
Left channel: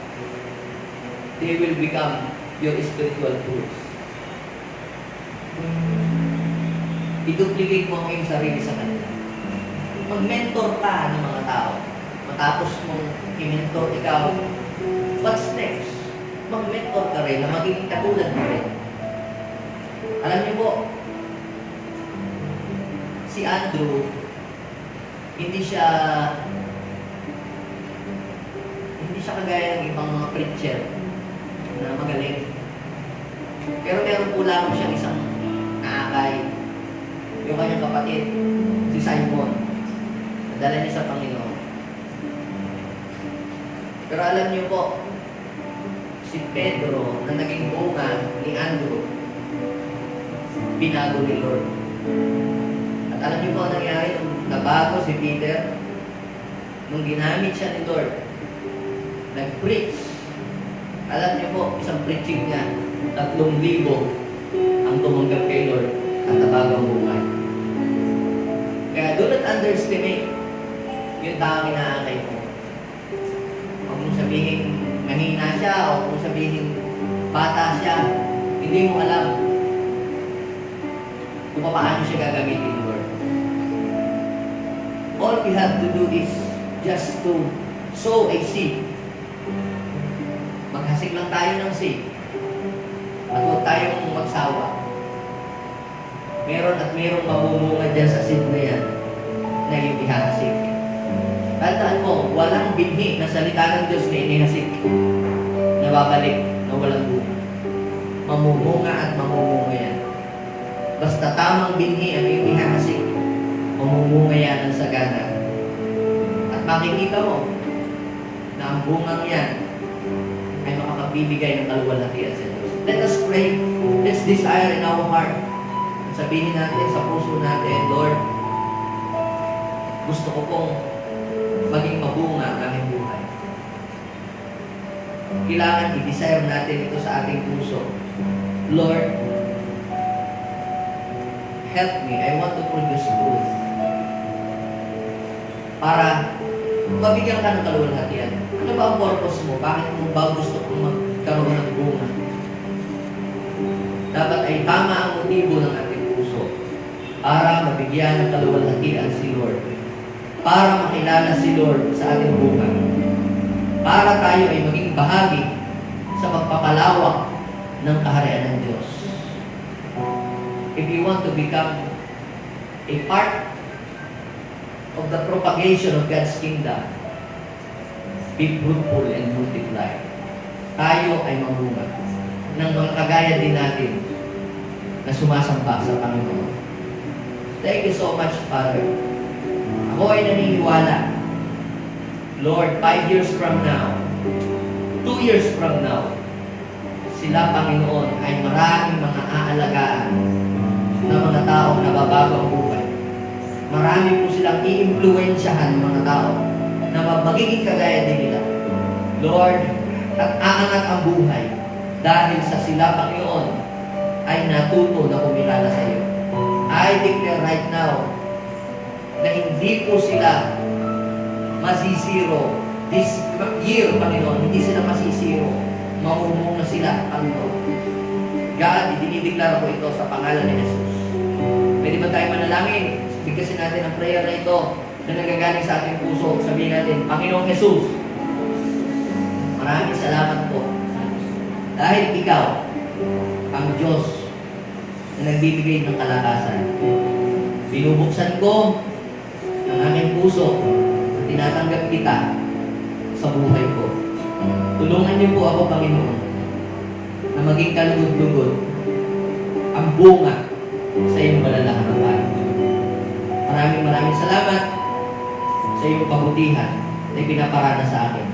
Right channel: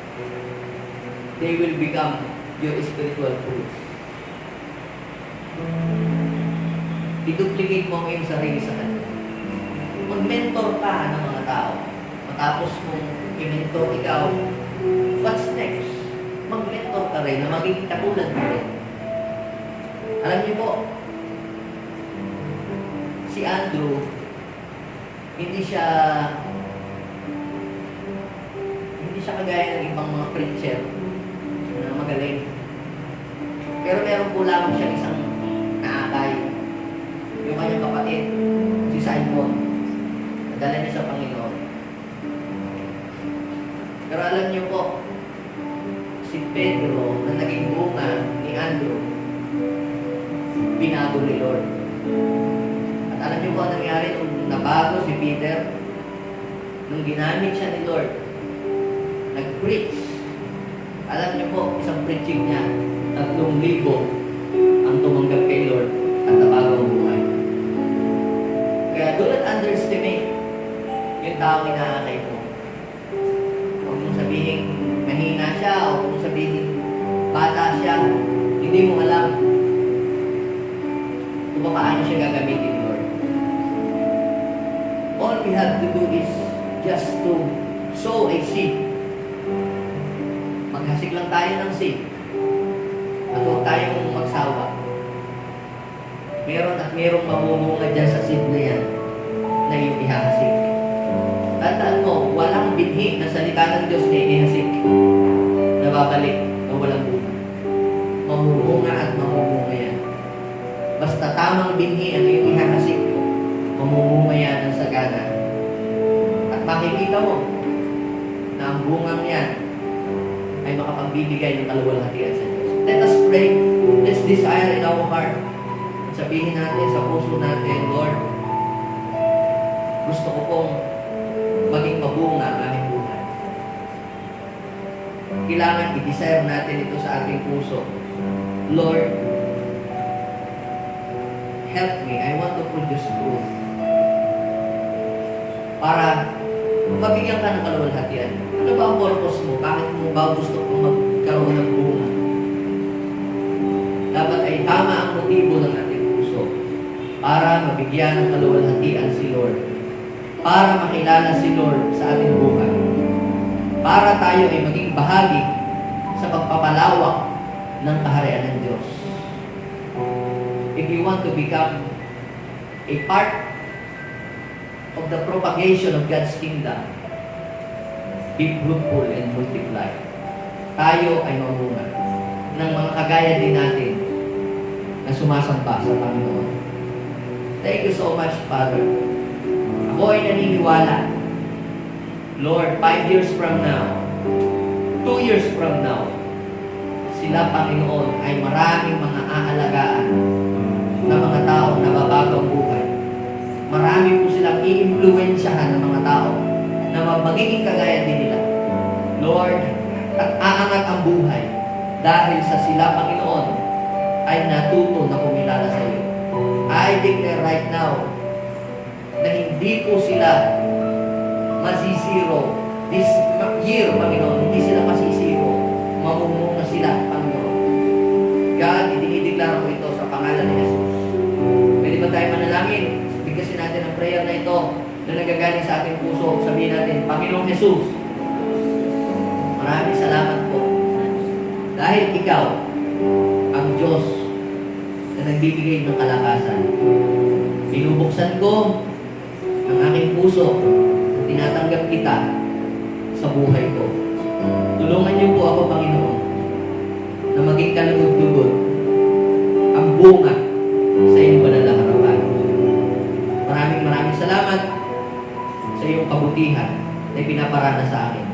They will become your spiritual fruits. I-duplicate mo ang iyong sarili sa kanila. Mag-mentor ka ng mga tao. Matapos mong i-mentor ikaw, what's next? Mag-mentor ka rin na magiging katulad mo rin. Alam niyo po, si Andrew, hindi siya kagaya ng ibang mga preacher na magaling. Pero meron po lamang siyang isang naakay. Yung kanyang kapatid, si Simon. Nadala niya sa Panginoon. Pero alam niyo po, si Pedro na naging bunga ni Andrew, binago ni Lord. At alam niyo po ang nangyari nung nabago si Peter? Nung ginamit siya ni Lord, nag-preach. Alam niyo po, isang preaching niya, 3,000 ang tumanggap kay Lord at nabago ang buhay. Kaya do not underestimate yung taong inaakay mo. Huwag mong sabihin mahina siya o huwag mong sabihin bata siya. Hindi mo alam kung paano siya gagamitin ni Lord. All we have to do is just to sow a seed. Maghasik lang tayo ng seed. At huwag tayong magsawa. Meron at merong mamumunga dyan sa seed na yan na iyong ihahasik. Tandaan mo, walang binhi na salita ng Diyos na inihasik na babalik na walang bunga. Mamumunga at mamumunga yan. Basta tamang binhi ang iyong ihahasik, mamumunga yan ng sagana. At makikita mo na ang bungang yan ay makapagbibigay ng kaluwalhatian sa Diyos. Let us pray. Let's desire in our heart. Sabihin natin sa puso natin, Lord, Gusto ko pong maging mabunga ang aking buhay. Kailangan i-desire natin ito sa ating puso. Lord, help me. I want to produce fruit. Para mabigyan ka ng kaluwalhatian. Ano ba ang purpose mo? Bakit mo ba gusto kong magkaroon ng bunga? Dapat ay tama ang motibo ng ating puso para mabigyan ng kaluwalhatian si Lord. Para makilala si Lord sa ating buhay. Para tayo ay maging bahagi sa pagpapalawak ng kaharian ng Diyos. If you want to become a part of the propagation of God's kingdom, be fruitful and multiply. Tayo ay mamunga ng mga kagaya din natin na sumasamba sa Panginoon. Thank you so much, Father. Ako ay naniniwala, Lord, 5 years from now, 2 years from now, sila, Panginoon, ay maraming mga aalagaan na mga taong nababago ang buhay. Marami po silang i-impluensyahan ng mga tao na magiging kagaya din nila. Lord, at aangat ang buhay dahil sa sila, Panginoon, ay natuto na kumilala sa iyo. I declare right now na hindi po sila masisiro. This year, Panginoon, hindi sila masisiro. Mamumunga sila, Panginoon. God, idinideklara ko ito sa pangalan ni Jesus. Pwede ba tayo manalangin? Bigkasin natin ang prayer na ito na nagagaling sa ating puso. Sabihin natin, Panginoong Jesus, maraming salamat po. Dahil ikaw, ang Diyos na nagbibigay ng kalakasan. Binubuksan ko ang aking puso na tinatanggap kita sa buhay ko. Tulungan niyo po ako, Panginoon, na maging kalugod-lugod ang bunga sa iyong banal na harapan. Maraming salamat sa iyong kabutihan na ipinaparana sa akin.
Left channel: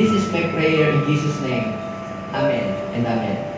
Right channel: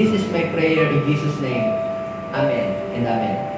This is my prayer in Jesus' name. Amen and amen.